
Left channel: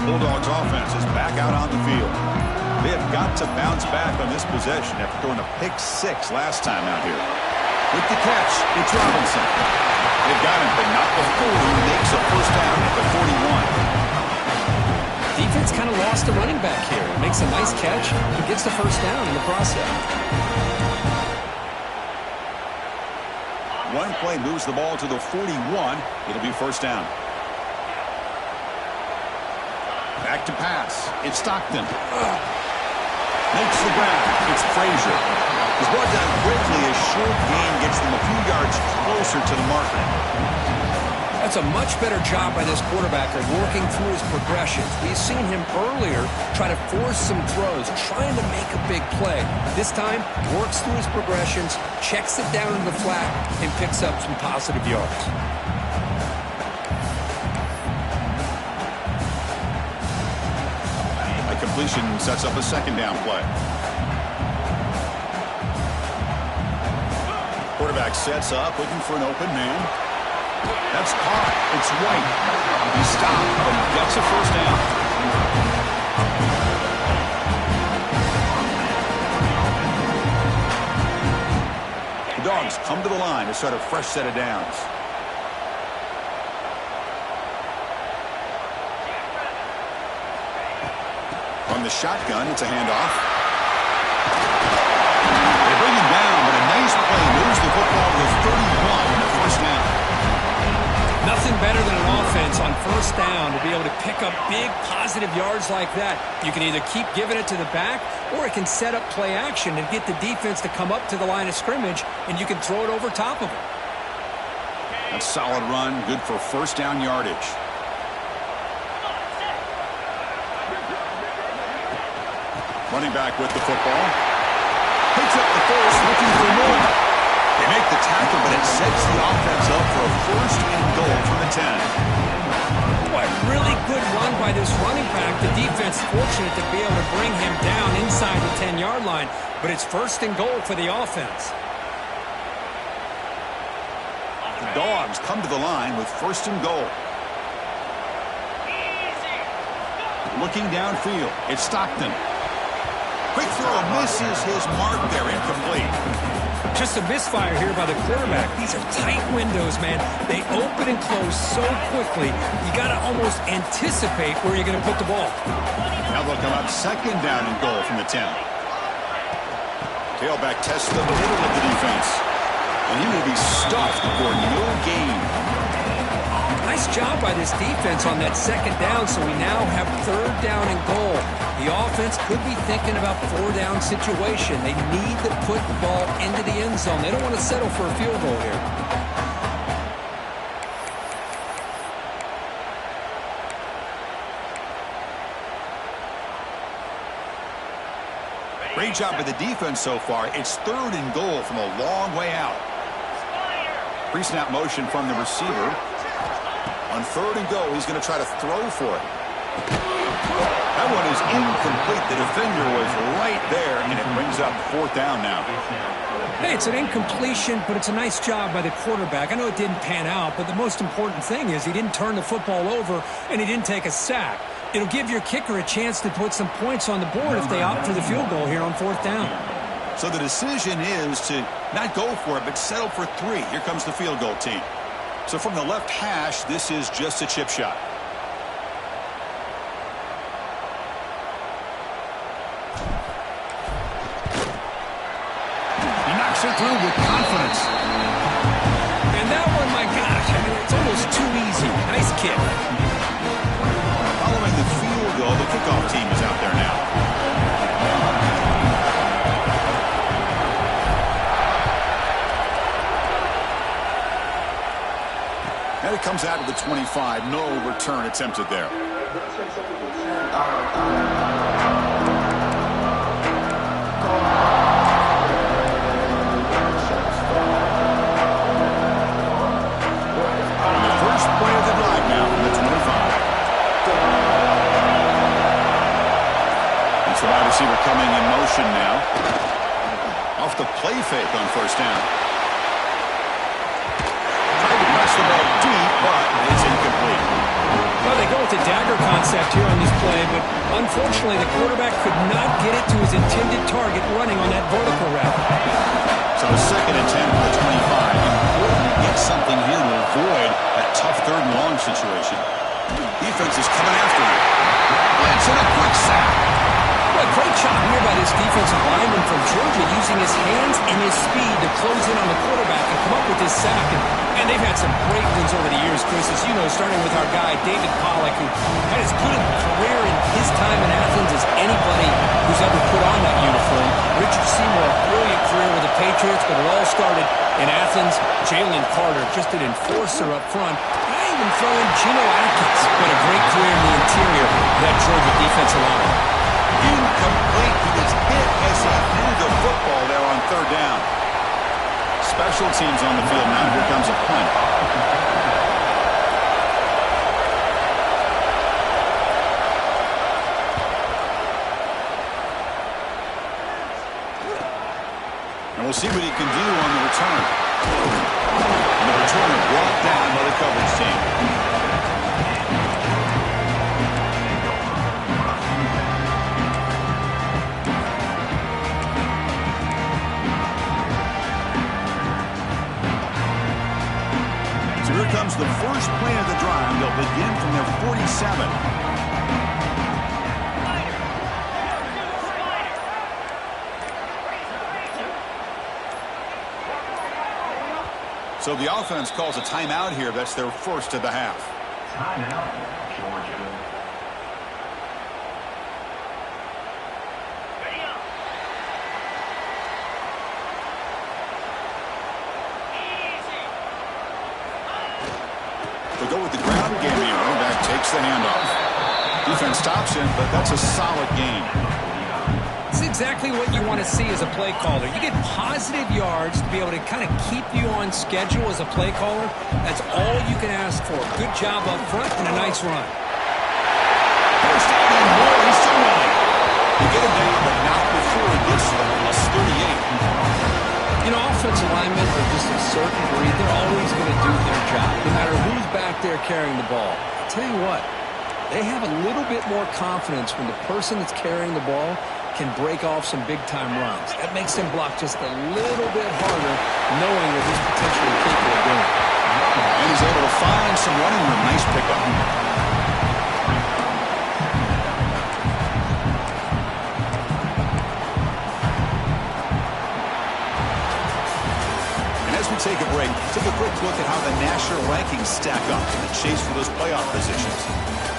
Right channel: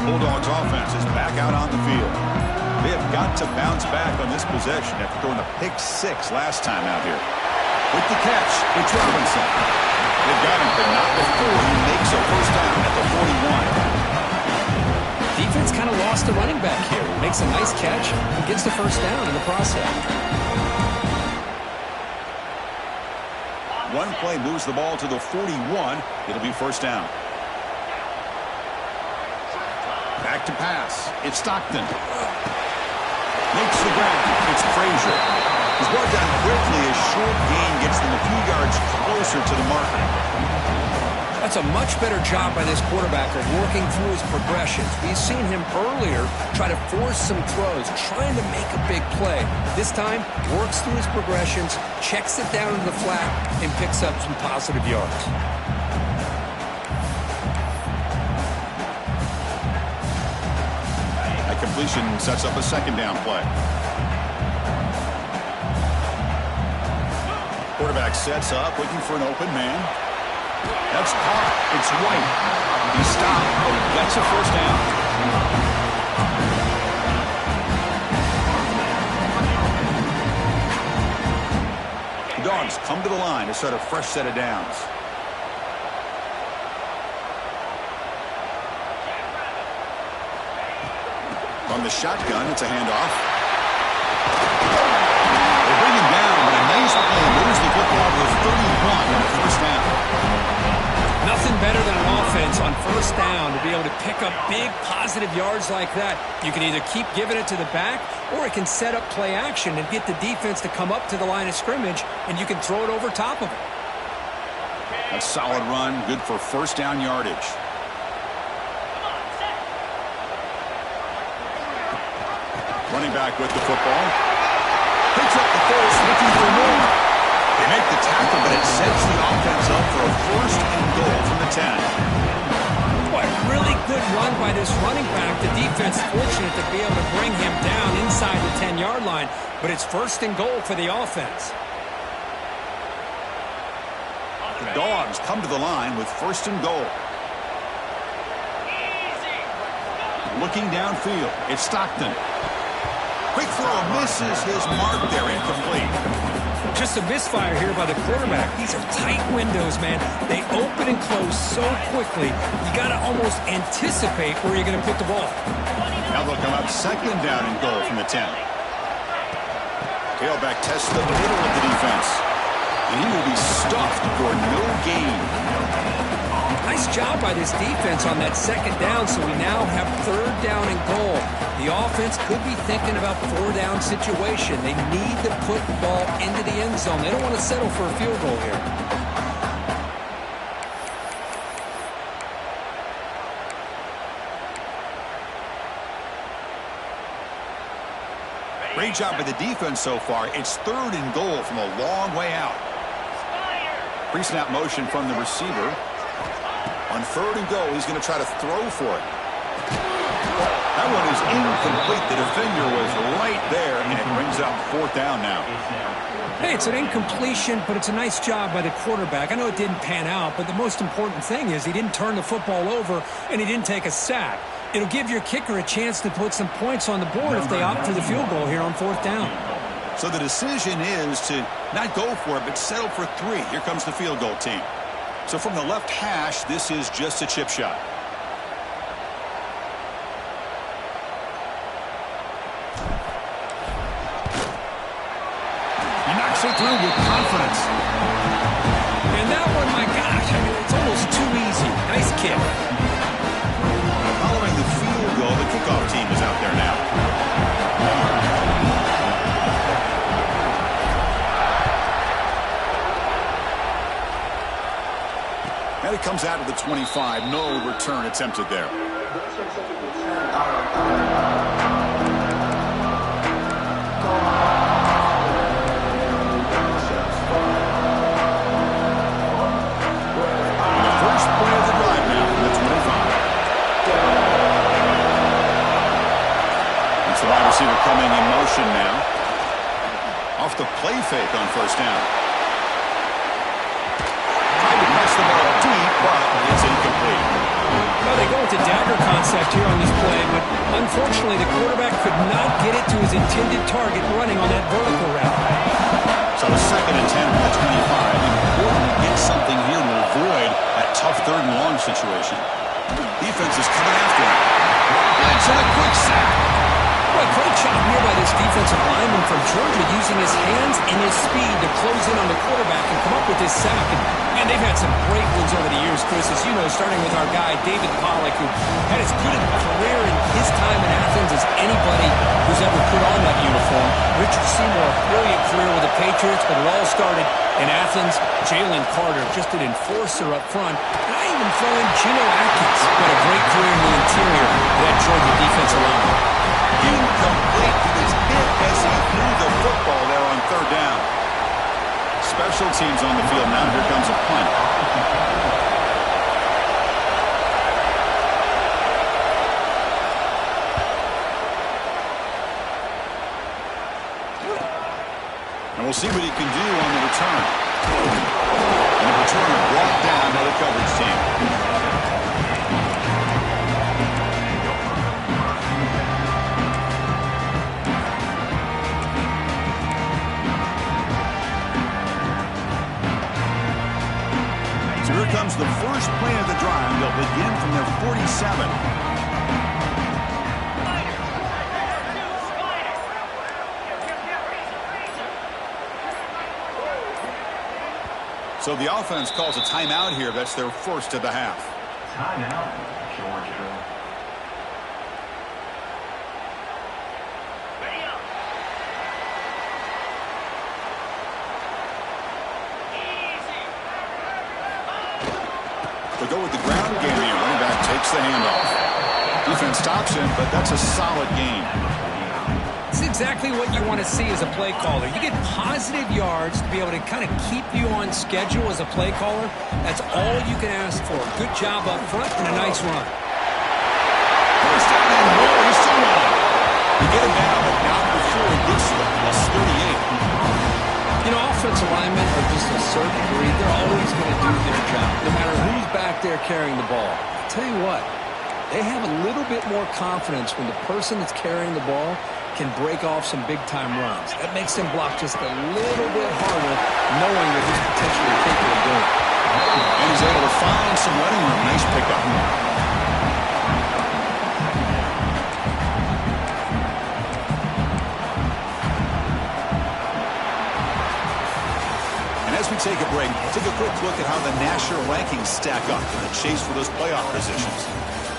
Bulldogs offense is back out on the field. They have got to bounce back on this possession after throwing a pick 6 last time out here. With the catch, it's Robinson. They've got him, but not before he makes a first down at the 41. Defense kind of lost the running back here. He makes a nice catch and gets the first down in the process. One play moves the ball to the 41. It'll be first down. Back to pass. It's Stockton. Makes the grab. It's Frazier. He's brought down quickly as short gain gets them a few yards closer to the marker. That's a much better job by this quarterback of working through his progressions. We've seen him earlier try to force some throws, trying to make a big play. This time, works through his progressions, checks it down into the flat, and picks up some positive yards. That completion sets up a second down play. Quarterback sets up, looking for an open man. That's caught. It's White. He stopped, but he gets a first down. The Dogs come to the line to start a fresh set of downs. From the shotgun, it's a handoff. They bring him down, but a nice play moves the football to the 31 and a first down. Nothing better than an offense on first down to be able to pick up big positive yards like that. You can either keep giving it to the back, or it can set up play action and get the defense to come up to the line of scrimmage, and you can throw it over top of it. That's a solid run, good for first down yardage. Running back with the football. Picks up the first, looking for more. They make the tackle, but it sets the offense up for a first and goal from the 10. Boy, really good run by this running back. The defense fortunate to be able to bring him down inside the 10-yard line, but it's first and goal for the offense. The Dogs come to the line with first and goal. Looking downfield, it's Stockton. Quick throw misses his mark there, incomplete. Just a misfire here by the quarterback. These are tight windows, man. They open and close so quickly, you got to almost anticipate where you're going to put the ball. Now they'll come up second down and goal from the 10. Tailback tests the middle of the defense, and he will be stuffed for no gain. Nice job by this defense on that second down, so we now have third down and goal. The offense could be thinking about four-down situation. They need to put the ball into the end zone. They don't want to settle for a field goal here. Great job by the defense so far. It's third and goal from a long way out. Pre-snap motion from the receiver. On third and goal, he's going to try to throw for it. That one is incomplete. The defender was right there, and it brings up fourth down now. Hey, it's an incompletion, but it's a nice job by the quarterback. I know it didn't pan out, but the most important thing is he didn't turn the football over, and he didn't take a sack. It'll give your kicker a chance to put some points on the board if they opt for the field goal here on fourth down. So the decision is to not go for it, but settle for 3. Here comes the field goal team. So from the left hash, this is just a chip shot. He knocks it through with confidence. And that one, my gosh, I mean, it's almost too easy. Nice kick. Following the field goal, the kickoff team is out there now. And it comes out of the 25. No return attempted there. And the first play of the drive now from the 25. It's the wide receiver coming in motion now. Off the play fake on first down. Tried to press the ball deep, but it's incomplete. Well, they go with the dagger concept here on this play, but unfortunately the quarterback could not get it to his intended target running on that vertical route. So second and 10 from the 25. Important to get something here to avoid that tough third and long situation. Defense is coming after him. Blitz and a quick sack. Well, great job here by this defensive lineman from Georgia using his hands and his speed to close in on the quarterback and come up with this sack. And they've had some great ones over the years, Chris, as you know, starting with our guy, David Pollack, who had as good a career in his time in Athens as anybody who's ever put on that uniform. Richard Seymour, a brilliant career with the Patriots, but it all started In Athens, Jalen Carter, just an enforcer up front. And I even throw in Geno Atkins, who had a great career in the interior of that Georgia defensive line. Incomplete. He was hit as he threw the football there on third down. Special teams on the field now. Here comes a punt. And we'll see what he can do on the return. And the returner brought down by the coverage team. So here comes the first play of the drive. They'll begin from their 47. So the offense calls a timeout here. That's their first of the half. Timeout, Georgia. Ready up. Easy. They'll go with the ground game here. Running back takes the handoff. Defense stops him, but that's a solid gain. It's exactly what you want to see as a play caller. You get positive yards to be able to kind of keep you on schedule as a play caller. That's all you can ask for. Good job up front and a nice run. First down and more. He's still running. They get him down, but not before he gets to the +38. You know, offensive linemen are just a certain breed. They're always going to do their job, no matter who's back there carrying the ball. I'll tell you what, they have a little bit more confidence when the person that's carrying the ball can break off some big-time runs. That makes them block just a little bit harder, knowing that he's potentially capable of doing it. And he's able to find some running room. Nice pickup. And as we take a break, take a quick look at how the national rankings stack up in the chase for those playoff positions.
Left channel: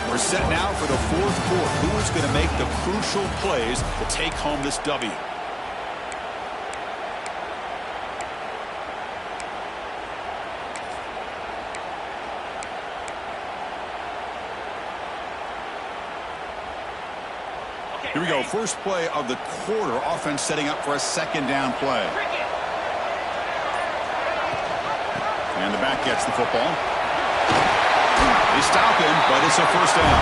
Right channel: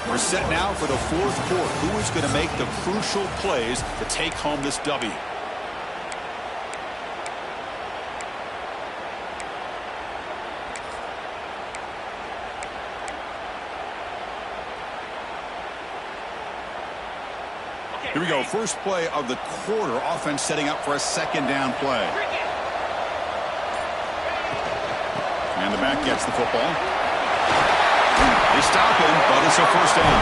We're set now for the fourth quarter. Who is going to make the crucial plays to take home this W? Here we go. First play of the quarter. Offense setting up for a second down play. And the back gets the football. They stop him, but it's a first down.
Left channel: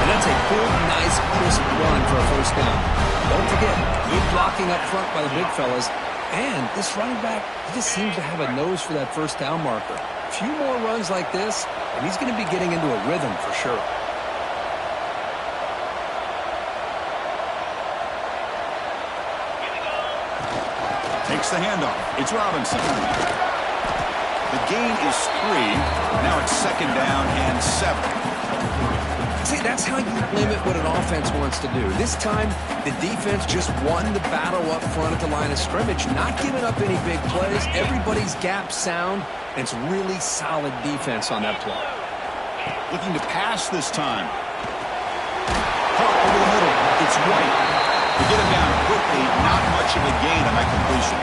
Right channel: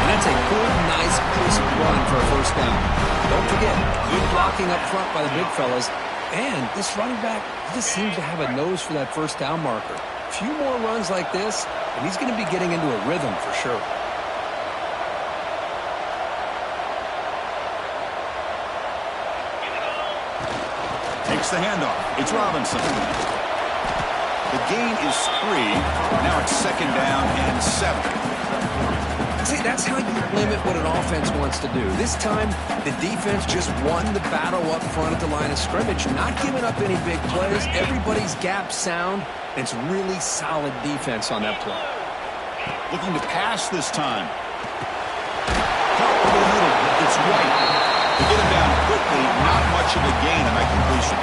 And that's a good, nice, crisp run for a first down. Don't forget, good blocking up front by the big fellas. And this running back, he just seems to have a nose for that first down marker. A few more runs like this, and he's going to be getting into a rhythm for sure. Takes the handoff. It's Robinson. The gain is 3. Now it's second down and 7. See, that's how you limit what an offense wants to do. This time, the defense just won the battle up front at the line of scrimmage, not giving up any big plays. Everybody's gap sound, and it's really solid defense on that play. Looking to pass this time. Caught over the middle. It's White. To get him down quickly, not much of a gain on that completion.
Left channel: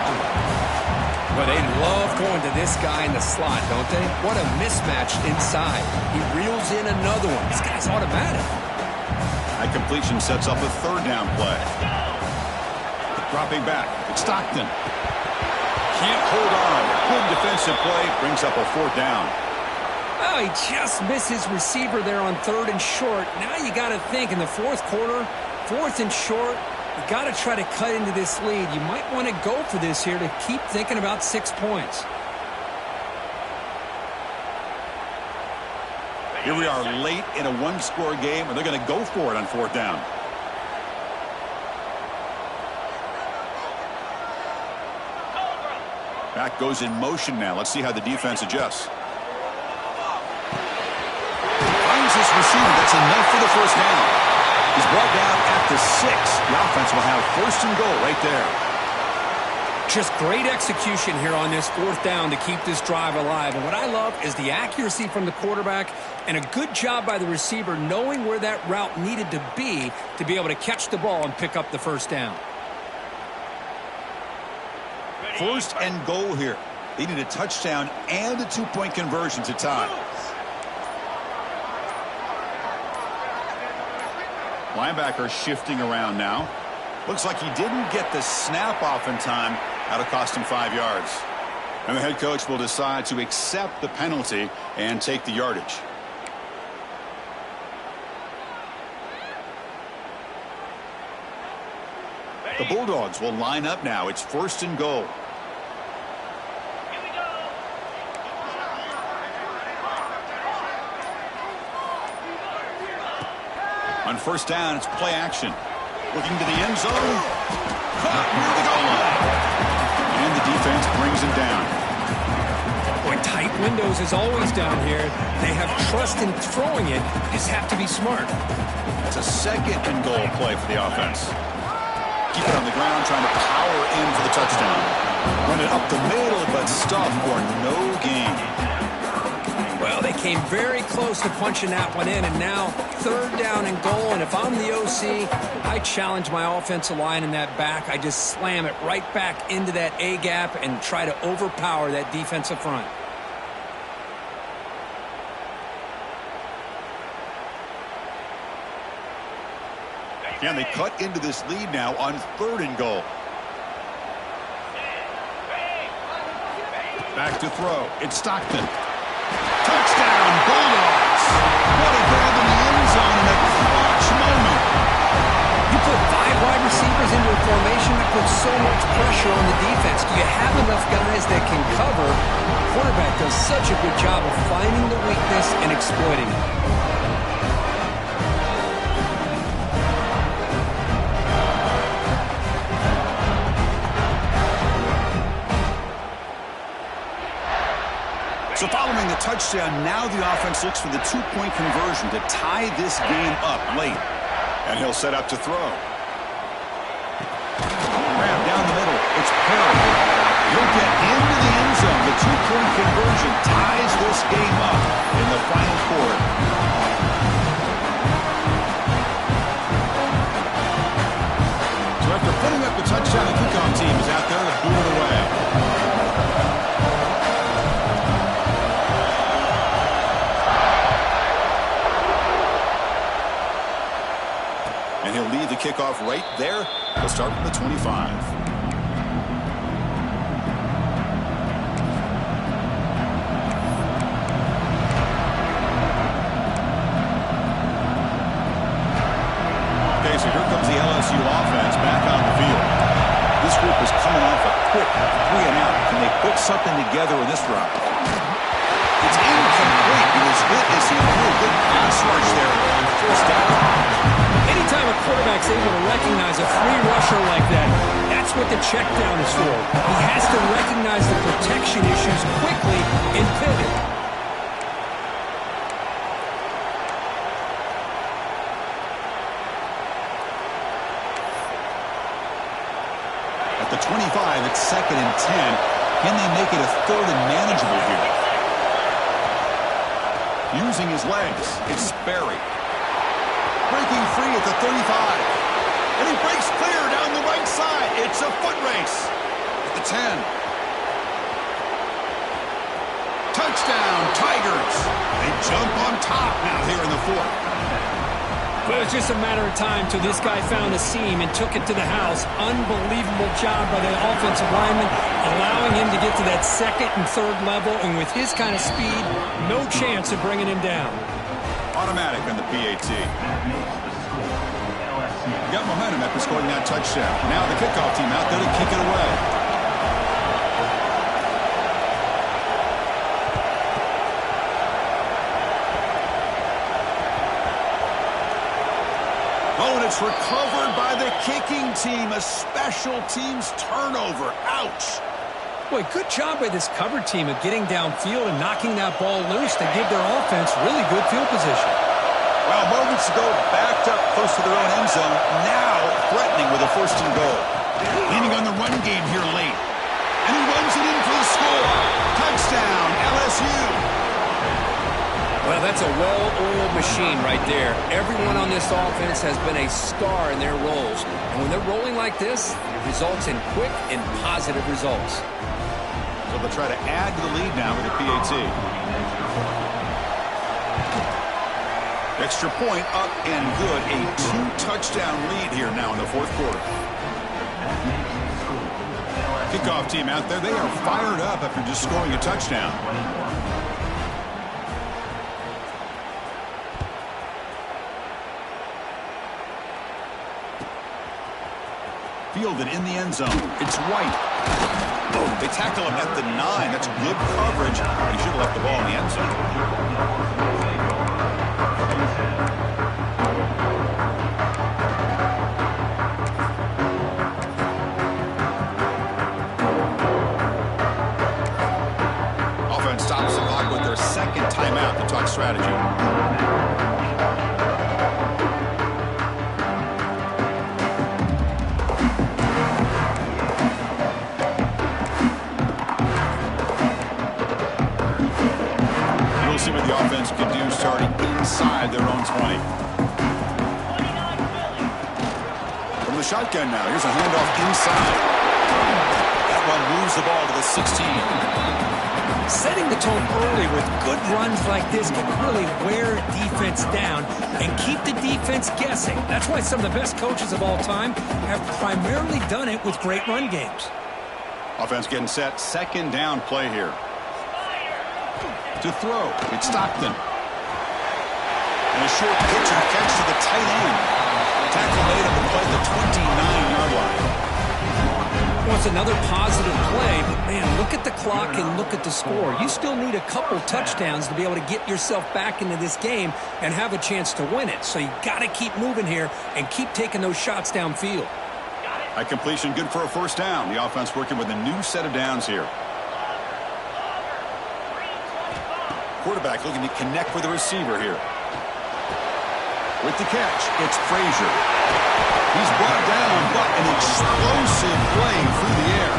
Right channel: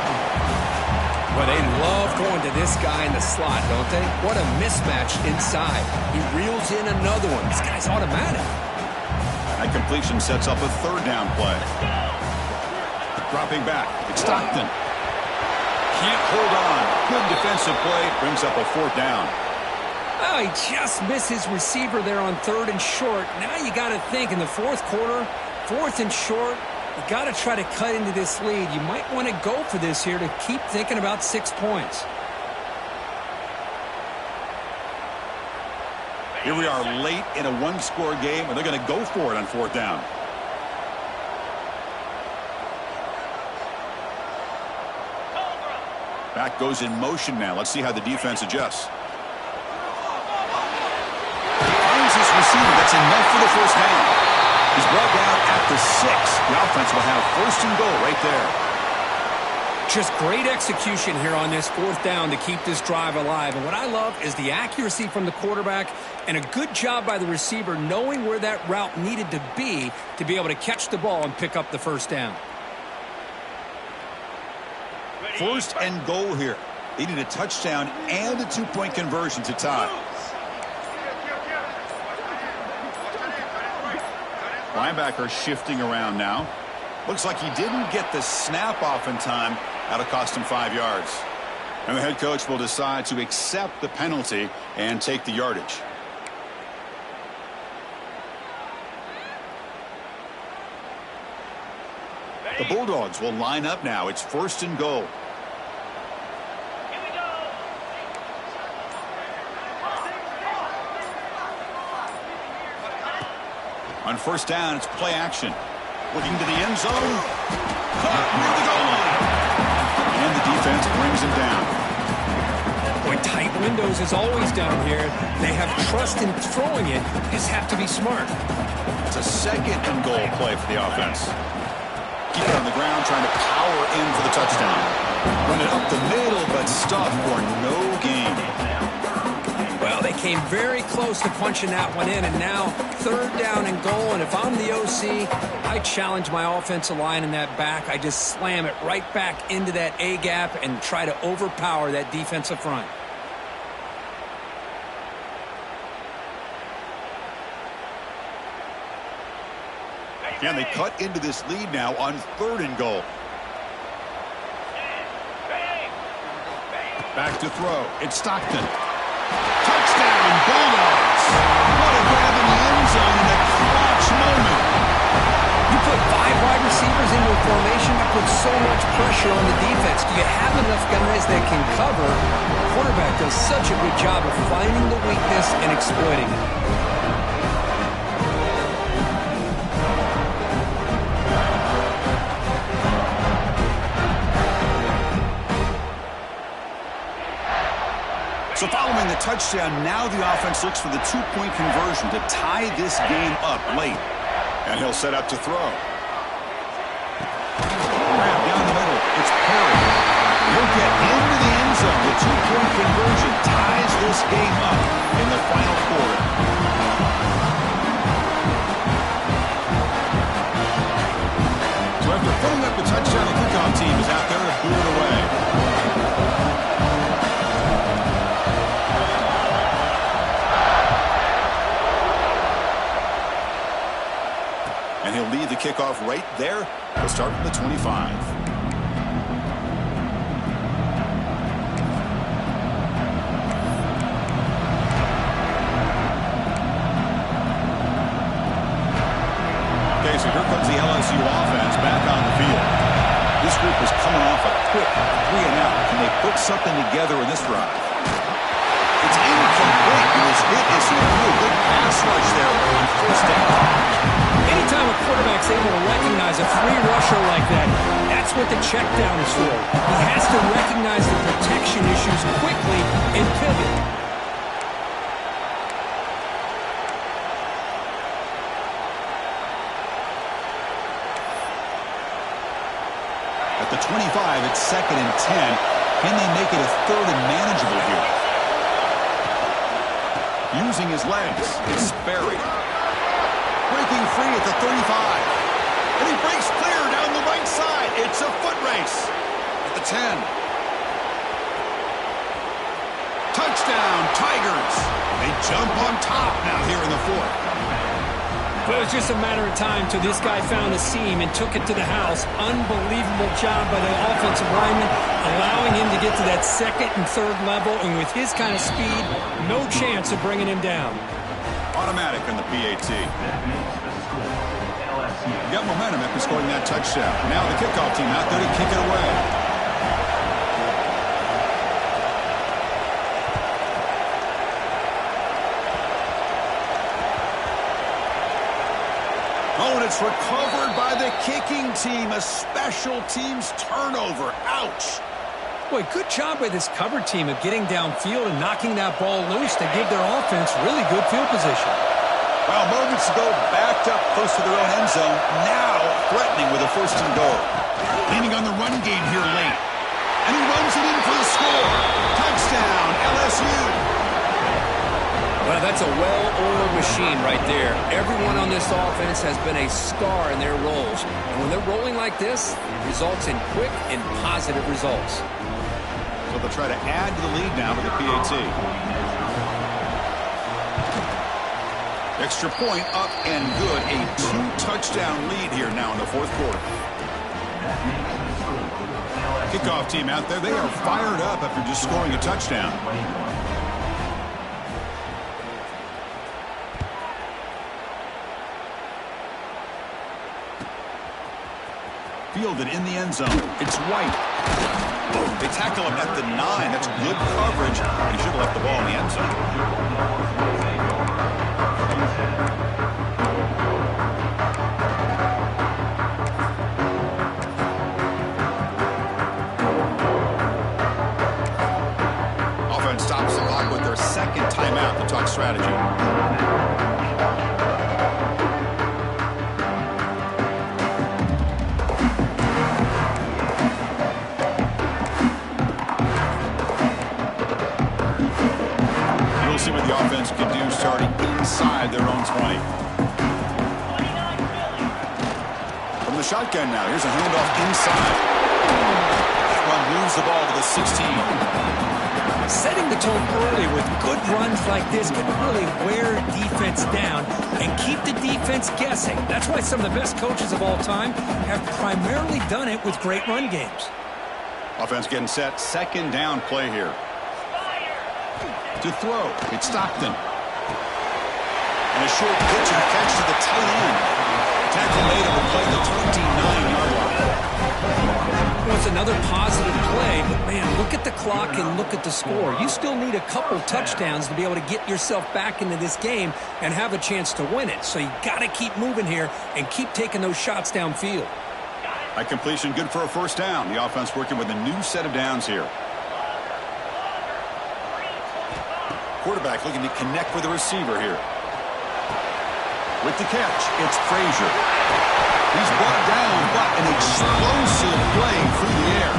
Well, they love going to this guy in the slot, don't they? What a mismatch inside. He reels in another one. This guy's automatic. That completion sets up a third down play. Dropping back. It's Stockton. Can't hold on. Good defensive play. Brings up a fourth down. Oh, he just missed his receiver there on third and short. Now you got to think in the fourth quarter, fourth and short, you got to try to cut into this lead. You might want to go for this here to keep thinking about 6 points. Here we are late in a one-score game, and they're going to go for it on fourth down. Back goes in motion now. Let's see how the defense adjusts. Finds his receiver. That's enough for the first down. He's brought down at the 6. The offense will have first and goal right there. Just great execution here on this fourth down to keep this drive alive. And what I love is the accuracy from the quarterback and a good job by the receiver knowing where that route needed to be able to catch the ball and pick up the first down. First and goal here. They need a touchdown and a two-point conversion to tie. Linebacker shifting around now. Looks like he didn't get the snap off in time. That'll cost him 5 yards. And the head coach will decide to accept the penalty and take the yardage. The Bulldogs will line up now. It's first and goal. Here we go. On first down, it's play action. Looking to the end zone. Caught near the goal line. And the defense brings him down. Boy, tight windows is always down here. They have trust in throwing it. Just have to be smart. That's a second and goal play for the offense. Keep it on the ground, trying to power in for the touchdown. Run it up the middle, but stuff for no gain. Well, they came very close to punching that one in, and now third down and goal. And if I'm the OC, I challenge my offensive line in that back. I just slam it right back into that A gap and try to overpower that defensive front. And they cut into this lead now on third and goal. Back to throw. It's Stockton. Touchdown, Bulldogs. What a grab in the end zone in a clutch moment. You put 5 wide receivers into a formation that puts so much pressure on the defense. Do you have enough guys that can cover? The quarterback does such a good job of finding the weakness and exploiting it. So following the touchdown, now the offense looks for the two-point conversion to tie this game up late. And he'll set up to throw. Grab down the middle. It's Perry. He'll get into the end zone. The two-point conversion ties this game up in the final quarter. So after putting up the touchdown, the kickoff team is out there to boot it away. And he'll lead the kickoff right there. He'll start from the 25. Okay, so here comes the LSU offense back on the field. This group is coming off a quick 3-and-out. Can they put something together in this drive? It's incomplete. He was hit as he threw a good pass rush there on first down. Anytime a quarterback's able to recognize a free rusher like that, that's what the check down is for. He has to recognize the protection issues quickly and pivot. At the 25, it's 2nd and 10. Can they make it a third and manageable here? Using his legs, it's Sperry. Breaking free at the 35. And he breaks clear down the right side. It's a foot race. At the 10. Touchdown, Tigers. They jump on top now here in the 4th. Well, it was just a matter of time till this guy found a seam and took it to the house. Unbelievable job by the offensive lineman, allowing him to get to that 2nd and 3rd level. And with his kind of speed, no chance of bringing him down. Automatic on the PAT. That makes the score LSU. Got momentum after scoring that touchdown. Now the kickoff team out there to kick it away. Oh, and it's recovered by the kicking team. A special teams turnover. Ouch. Boy, good job by this cover team of getting downfield and knocking that ball loose to give their offense really good field position. Well, moments ago, backed up close to their own end zone. Now threatening with a 1st and goal. Leaning on the run game here late. And he runs it in for the score. Touchdown, LSU. Well, that's a well-oiled machine right there. Everyone on this offense has been a star in their roles. And when they're rolling like this, it results in quick and positive results. So they'll try to add to the lead now with the PAT. Extra point up and good. A 2-touchdown lead here now in the fourth quarter. Kickoff team out there. They are fired up after just scoring a touchdown. Fielded in the end zone. It's White. They tackle him at the 9. That's good coverage. He should have left the ball in the end zone. Offense stops the clock with their second timeout to talk strategy. See what the offense can do starting inside their own 20. From the shotgun now, here's a handoff inside. That one moves the ball to the 16. Setting the tone early with good runs like this can really wear defense down and keep the defense guessing. That's why some of the best coaches of all time have primarily done it with great run games. Offense getting set. Second down play here. To throw, it's Stockton. And a short pitch and catch to the tight end. Tackle made up the play at the 29-yard line. Well, it's another positive play, but man, look at the clock and look at the score. You still need a couple touchdowns to be able to get yourself back into this game and have a chance to win it. So you got to keep moving here and keep taking those shots downfield. High completion, good for a first down. The offense working with a new set of downs here. Quarterback looking to connect with the receiver here. With the catch, it's Frazier. He's brought down, but an explosive play through the air.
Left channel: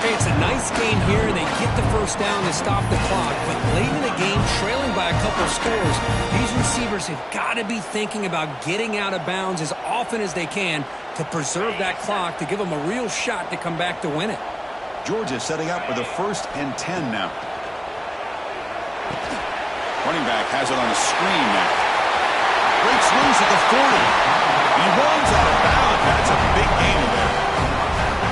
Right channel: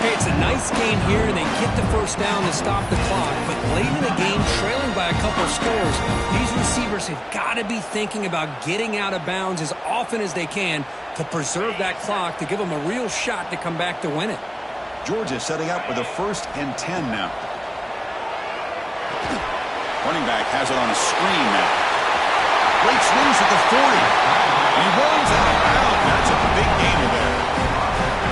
Hey, it's a nice game here, and they get the first down to stop the clock. But late in the game, trailing by a couple scores, these receivers have got to be thinking about getting out of bounds as often as they can to preserve that clock, to give them a real shot to come back to win it. Georgia setting up with a 1st and 10 now. Running back has it on a screen now. Breaks loose at the 40. And he runs out of bounds. That's a big gainer there.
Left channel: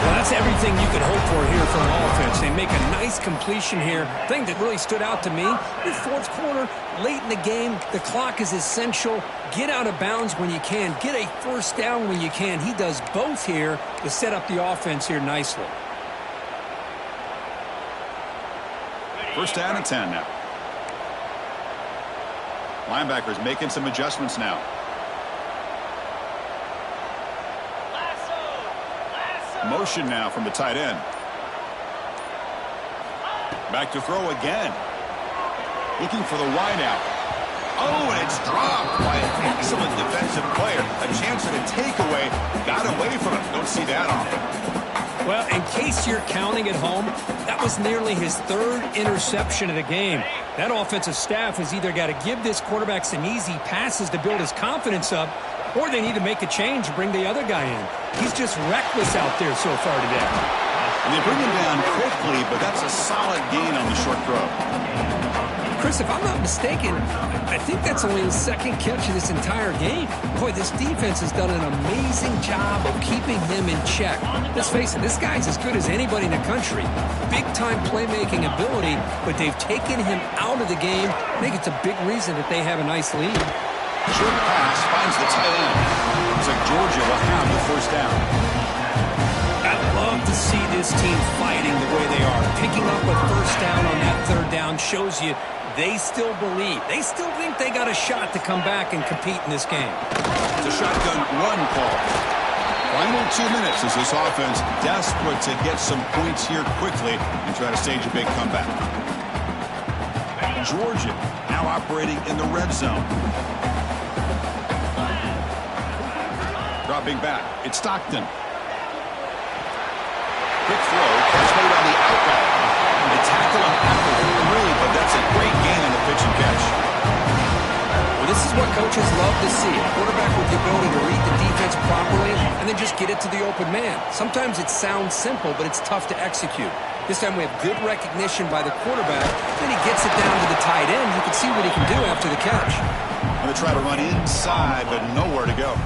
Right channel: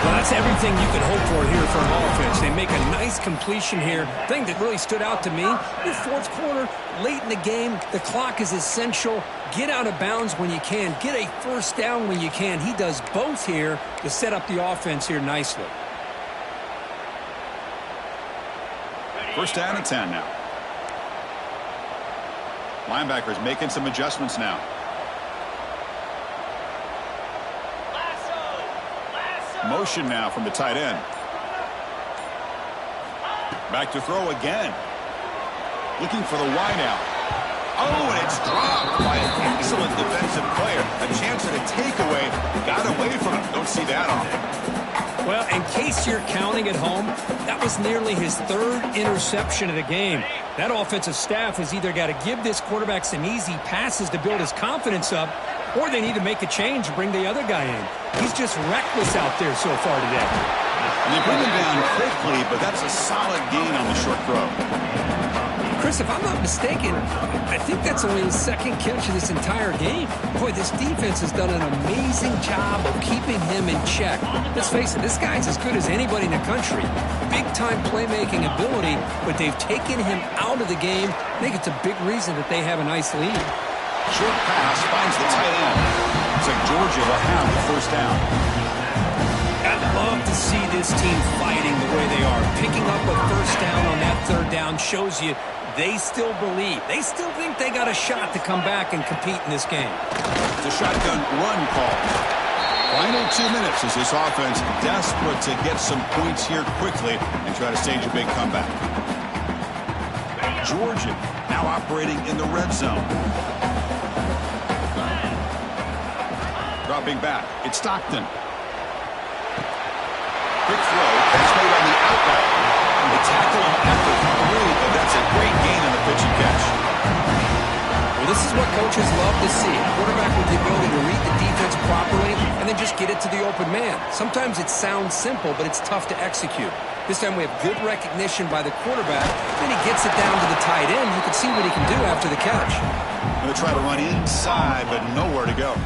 Well, that's everything you could hope for here for an offense. They make a nice completion here. Thing that really stood out to me, the fourth quarter, late in the game, the clock is essential. Get out of bounds when you can. Get a first down when you can. He does both here to set up the offense here nicely. First down and 10 now. Linebackers making some adjustments now. Motion now from the tight end. Back to throw again. Looking for the wideout. Oh, and it's dropped by an excellent defensive player. A chance at a takeaway. Got away from him. Don't see that often. Well, in case you're counting at home, that was nearly his 3rd interception of the game. That offensive staff has either got to give this quarterback some easy passes to build his confidence up, or they need to make a change and bring the other guy in. He's just reckless out there so far today. And they bring him down quickly, but that's a solid gain on the short throw. Chris, if I'm not mistaken, I think that's only his 2nd catch of this entire game. Boy, this defense has done an amazing job of keeping him in check. Let's face it, this guy's as good as anybody in the country. Big-time playmaking ability, but they've taken him out of the game. I think it's a big reason that they have a nice lead. Short pass finds the tight end. Looks like Georgia will have the first down. I'd love to see this team fighting the way they are. Picking up a first down on that 3rd down shows you they still believe. They still think they got a shot to come back and compete in this game. It's a shotgun run call. Final 2 minutes as this offense desperate to get some points here quickly and try to stage a big comeback. Georgia now operating in the red zone. Dropping back. It's Stockton. Quick throw. Catch made on the outright. They tackle him at the 3, but that's a great gain in the pitch and catch. Well, this is what coaches love to see. A quarterback with the ability to read the defense properly and then just get it to the open man. Sometimes it sounds simple, but it's tough to execute. This time we have good recognition by the quarterback. Then he gets it down to the tight end. You can see what he can do after the catch. Going to try to run inside, but nowhere to go.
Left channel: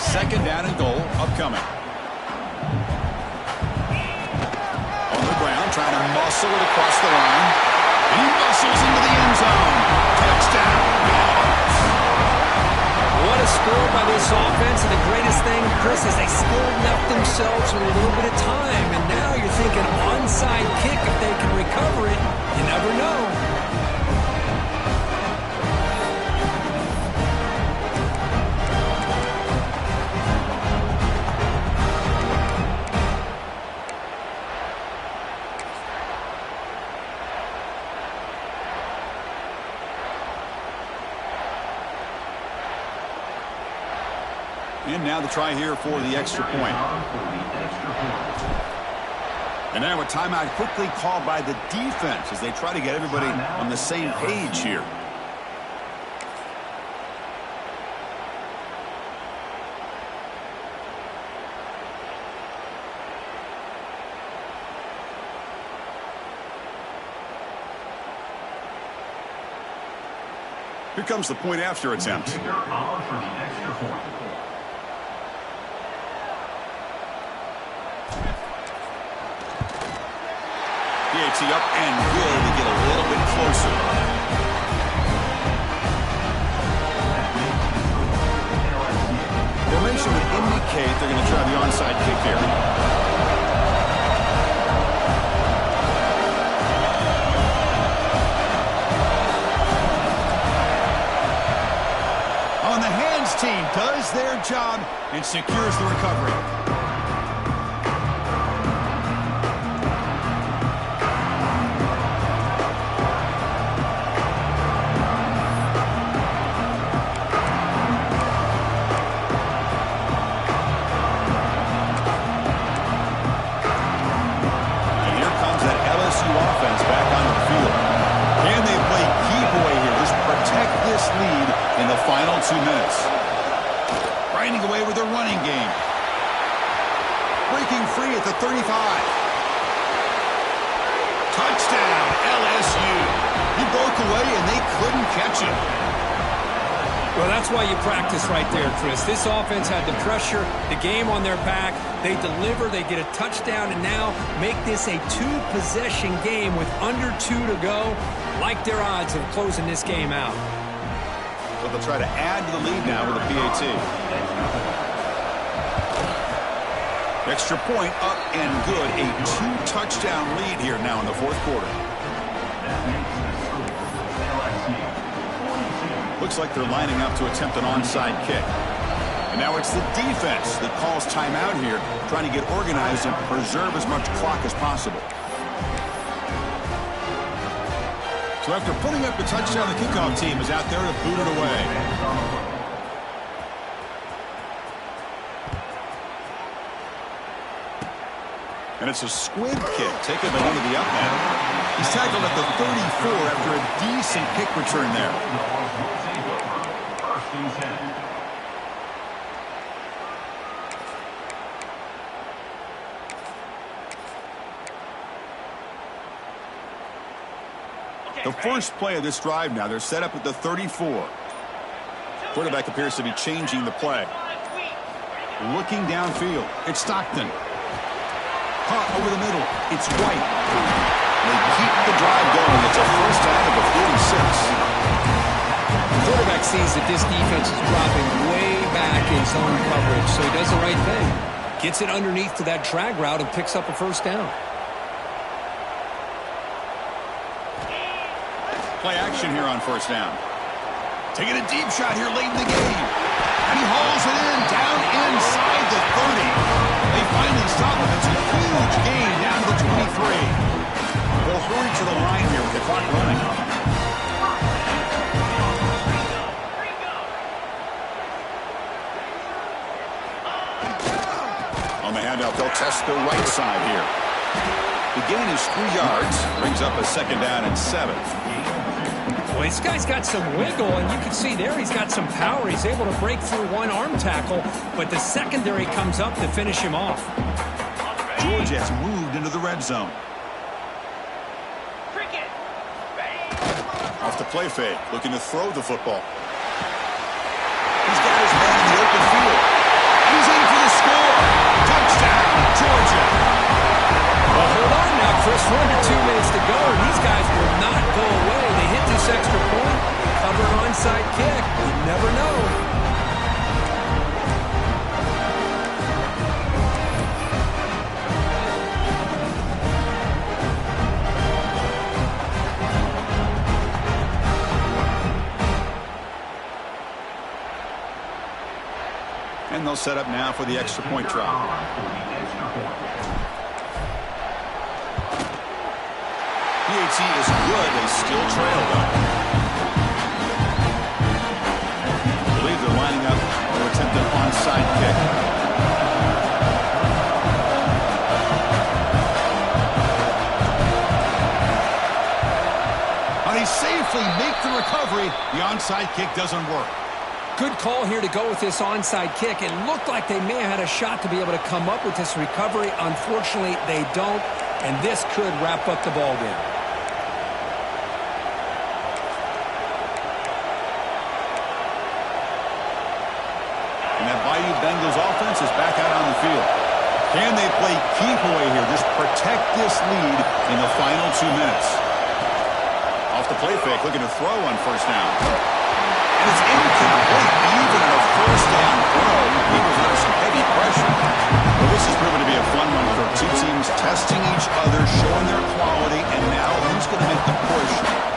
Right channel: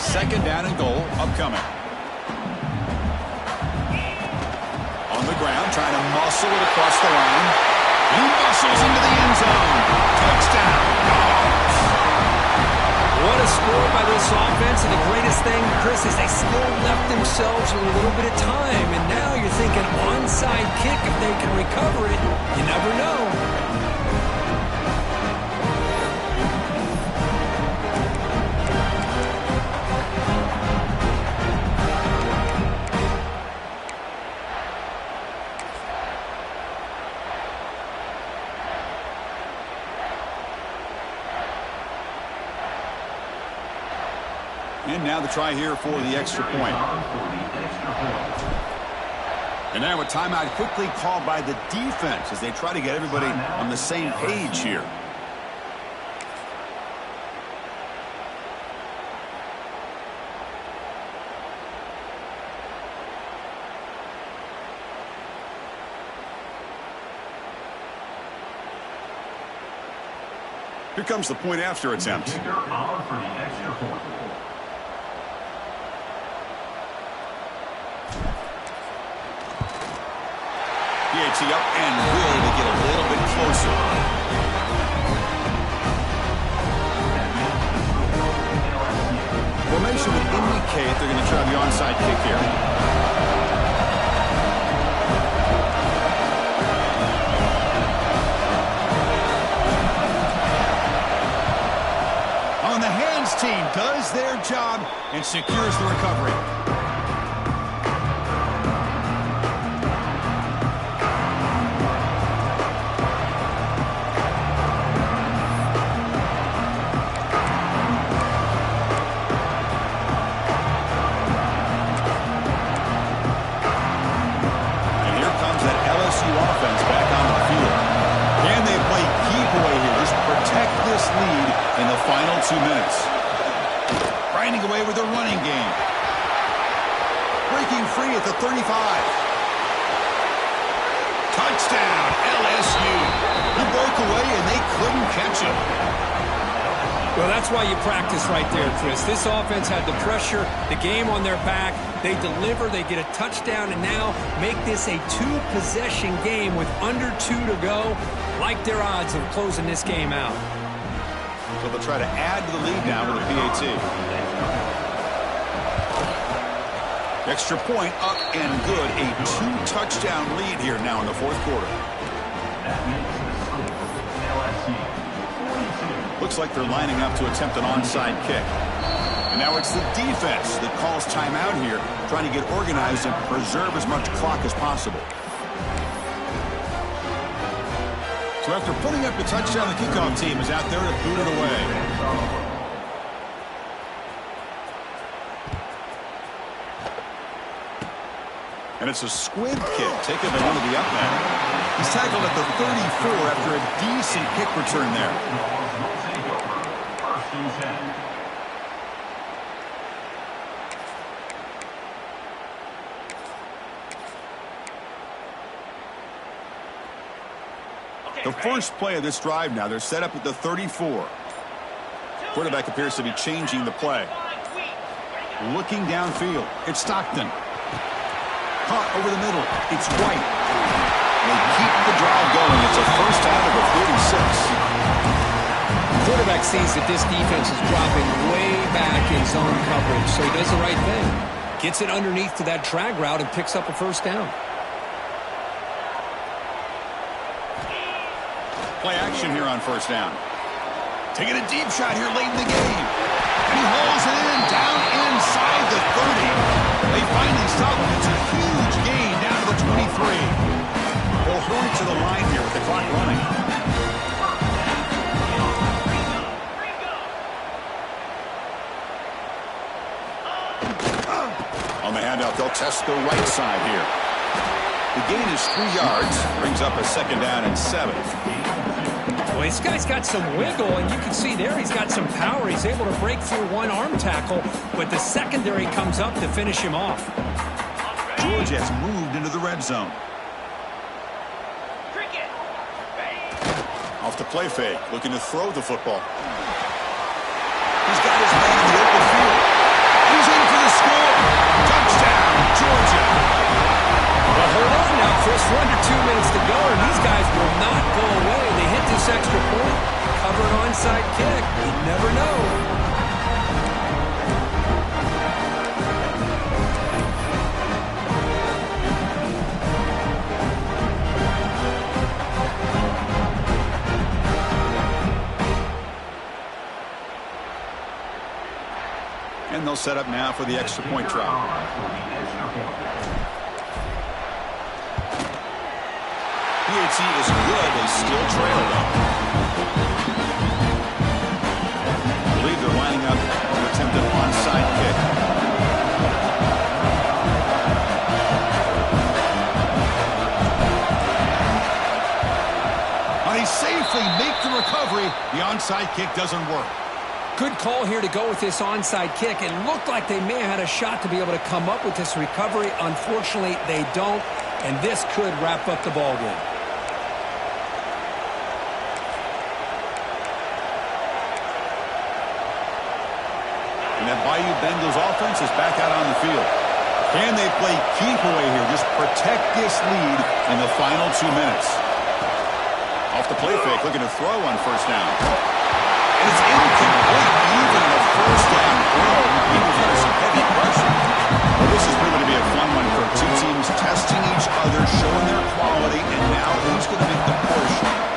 Second down and goal upcoming. On the ground, trying to muscle it across the line. He muscles into the end zone. Touchdown, Dogs. What a score by this offense. And the greatest thing, Chris, is they still left themselves with a little bit of time. And now you're thinking onside kick, if they can recover it. You never know. And now the try here for the extra point. And now a timeout quickly called by the defense as they try to get everybody on the same page here. Here comes the point after attempt. PAT up and good to get a little bit closer. Formation would indicate they're going to try the onside kick here. On the hands team does their job and secures the recovery. Offense back onto the field. Can they play keep away here? Just protect this lead in the final 2 minutes. Grinding away with their running game. Breaking free at the 35. Touchdown, LSU. He broke away and they couldn't catch him. Well, that's why you practice right there, Chris. This offense had the pressure, the game on their back. They deliver, they get a touchdown, and now make this a two-possession game with under 2 to go. Like their odds of closing this game out. So they'll try to add to the lead now with a PAT. Extra point up and good. A 2-touchdown lead here now in the fourth quarter. That makes the score LSU 42. Looks like they're lining up to attempt an onside kick. And now it's the defense that calls timeout here, trying to get organized and preserve as much clock as possible. So after putting up the touchdown, the kickoff team is out there to boot it away. And it's a squib kick taken by one of the up men. He's tackled at the 34 after a decent kick return there. First and 10. The first play of this drive now, they're set up at the 34. Quarterback appears to be changing the play. Looking downfield, it's Stockton. Caught over the middle, it's White. They keep the drive going. It's a first out of the 46. The quarterback sees that this defense is dropping way back in zone coverage, so he does the right thing. Gets it underneath to that drag route and picks up a first down. Play action here on first down. Taking a deep shot here late in the game. And he hauls it in down inside the 30. They finally stop him. It's a huge gain down to the 23. They'll hurry to the line here with the clock running. On the handout, they'll test the right side here. The gain is 3 yards. Brings up a second down and 7. Well, this guy's got some wiggle, and you can see there he's got some power. He's able to break through one arm tackle, but the secondary comes up to finish him off. Georgia has moved into the red zone. Off the play fake, looking to throw the football. He's got his man in the open field. And he's in for the score. Touchdown, Georgia. Well, hold on now, Chris. We're under 2 minutes to go, and these guys will not go away. They hit this extra point, cover an onside kick. You never know. And they'll set up now for the extra point try. PAT is good. They still trail, though. I believe they're lining up to attempt an onside kick. And he safely makes the recovery. The onside kick doesn't work. Good call here to go with this onside kick. It looked like they may have had a shot to be able to come up with this recovery. Unfortunately, they don't, and this could wrap up the ball game. And that Bayou Bengals offense is back out on the field. Can they play keep away here? Just protect this lead in the final 2 minutes. Off the play fake, looking to throw on first down. And it's incomplete. Even in a first down throw, he was under some heavy pressure. Well, this has proven to be a fun one for two teams testing each other, showing their quality, and now who's going to make the push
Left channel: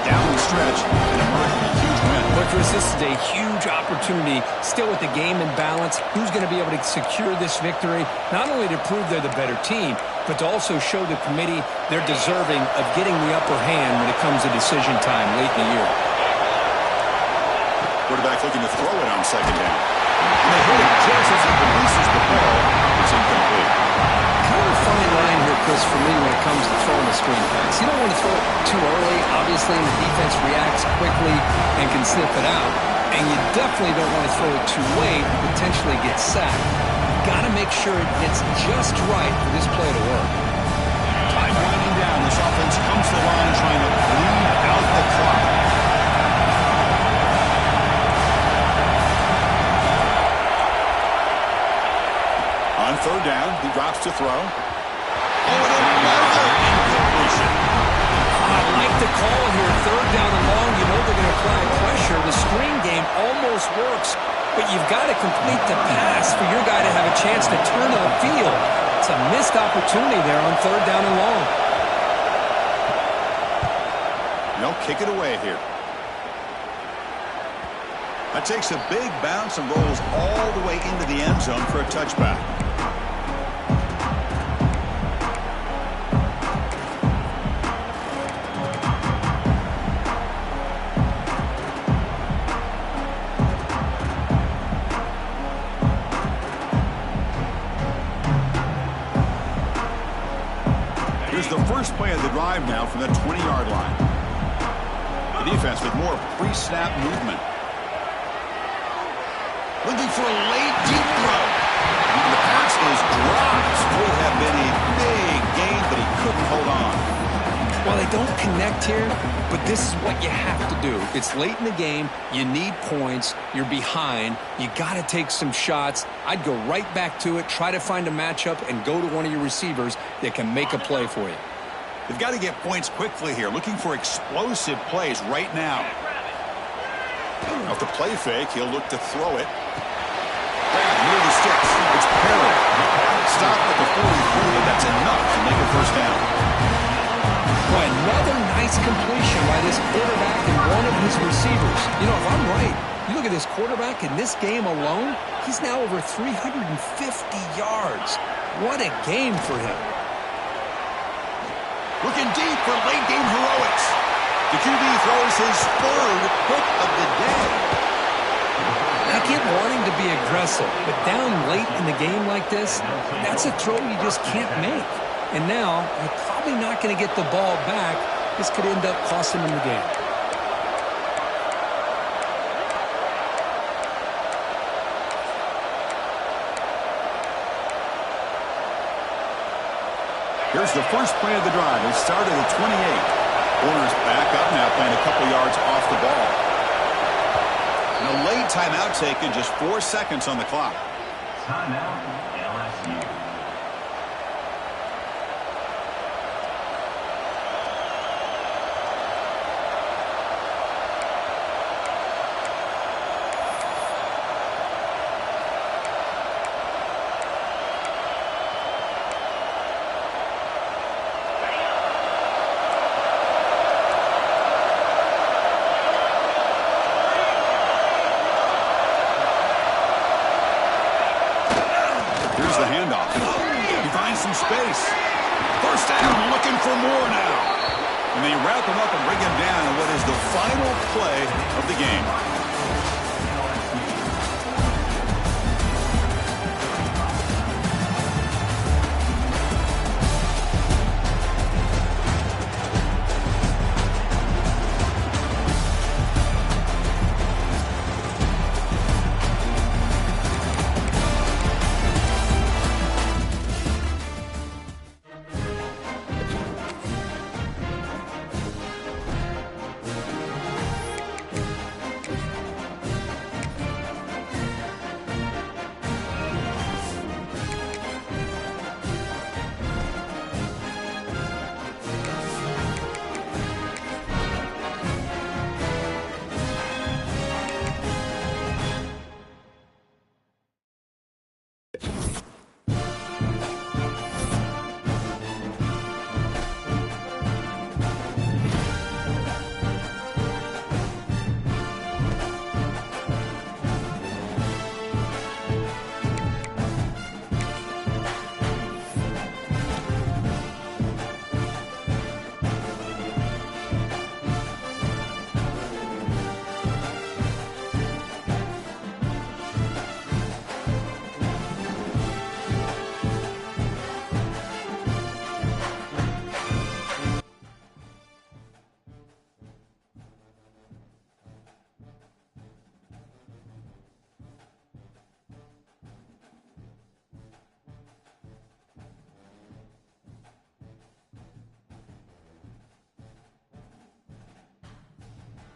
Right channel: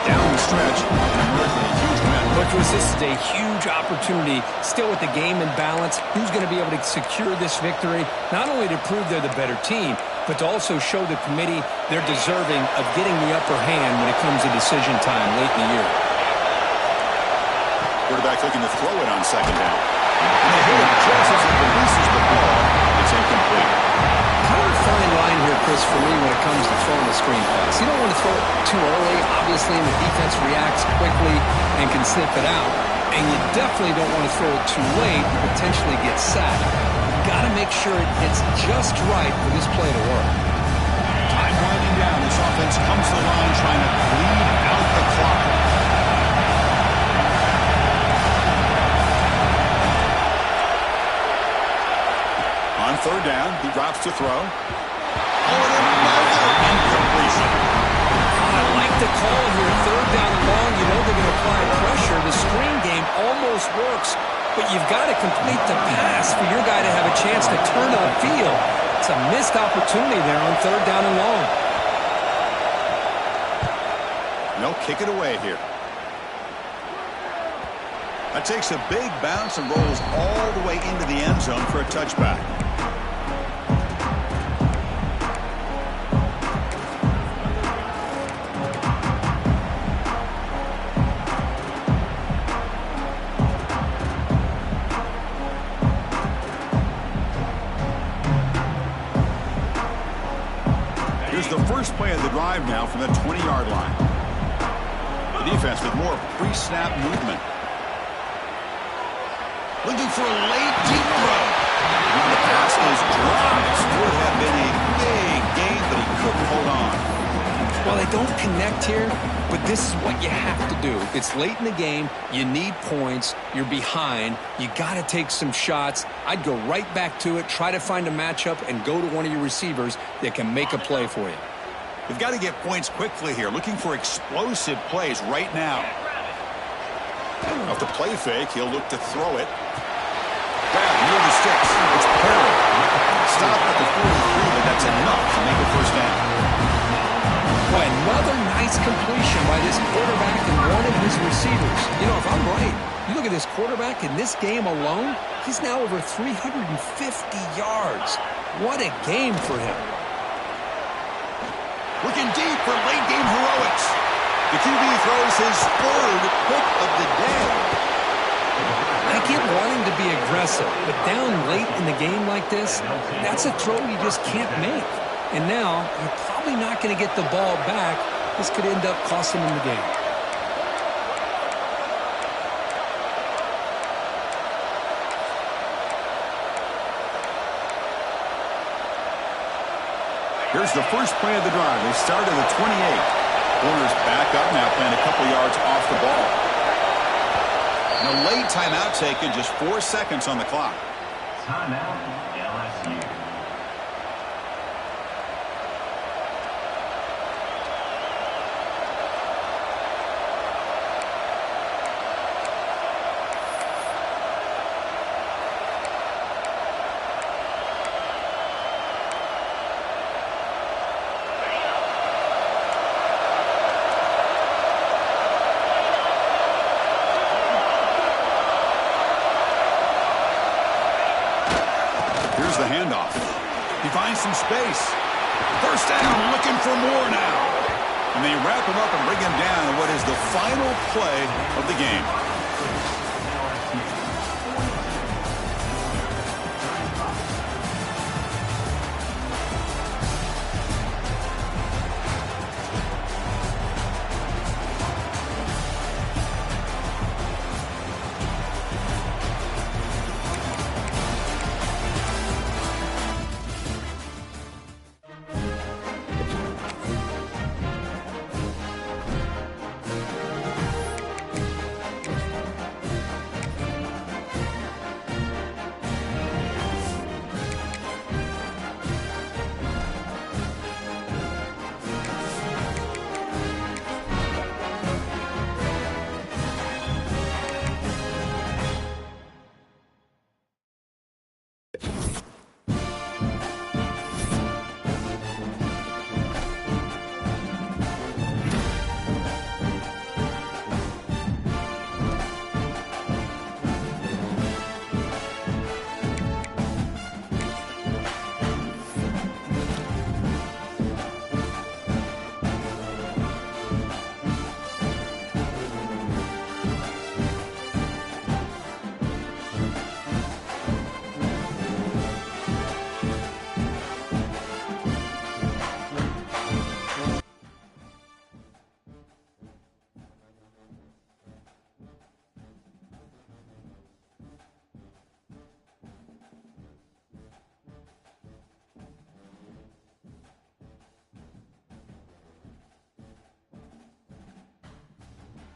down the stretch and emerge with a huge win. But Chris, this is a huge opportunity, still with the game in balance. Who's going to be able to secure this victory, not only to prove they're the better team, but to also show the committee they're deserving of getting the upper hand when it comes to decision time late in the year. Quarterback looking to throw it on second down. And they hit him just as he releases the ball. It's incomplete. Kind of a fine line here, Chris, for me when it comes to throwing a screen pass. You don't want to throw it too early, obviously, and the defense reacts quickly and can sniff it out. And you definitely don't want to throw it too late and potentially get sacked. You've got to make sure it hits just right for this play to work. Time winding down. This offense comes to the line trying to bleed out the clock. On third down, he drops to throw. Oh, and another incompletion. I like the call here. Third down and long. You know they're going to apply pressure. The screen game almost works, but you've got to complete the pass for your guy to have a chance to turn upfield. It's a missed opportunity there on third down and long. No, kick it away here. That takes a big bounce and rolls all the way into the end zone for a touchback. Here's the first play of the drive now from the 20-yard line. The defense with more pre-snap movement. Looking for a late deep throw. The pass is dropped. Would have been a big gain, but he couldn't hold on. Well, they don't connect here, but this is what you have to do. It's late in the game. You need points. You're behind. You got to take some shots. I'd go right back to it, try to find a matchup, and go to one of your receivers that can make a play for you. They've got to get points quickly here. Looking for explosive plays right now. Off the play fake, he'll look to throw it. Grab near the sticks. It's Perry. Stop at the 43, but that's enough to make a first down. Boy, another nice completion by this quarterback and one of his receivers. You know, if I'm right, you look at this quarterback in this game alone, he's now over 350 yards. What a game for him. Looking deep for late-game heroics. The QB throws his third pick of the day. I get wanting to be aggressive, but down late in the game like this, that's a throw you just can't make. And now, you're probably not going to get the ball back. This could end up costing him the game. Here's the first play of the drive. They start at the 28. Corners back up now, playing a couple yards off the ball. And a late timeout taken, just 4 seconds on the clock. Timeout, LSU. Here's the handoff. He finds some space. First down, looking for more now. And they wrap him up and bring him down in what is the final play of the game.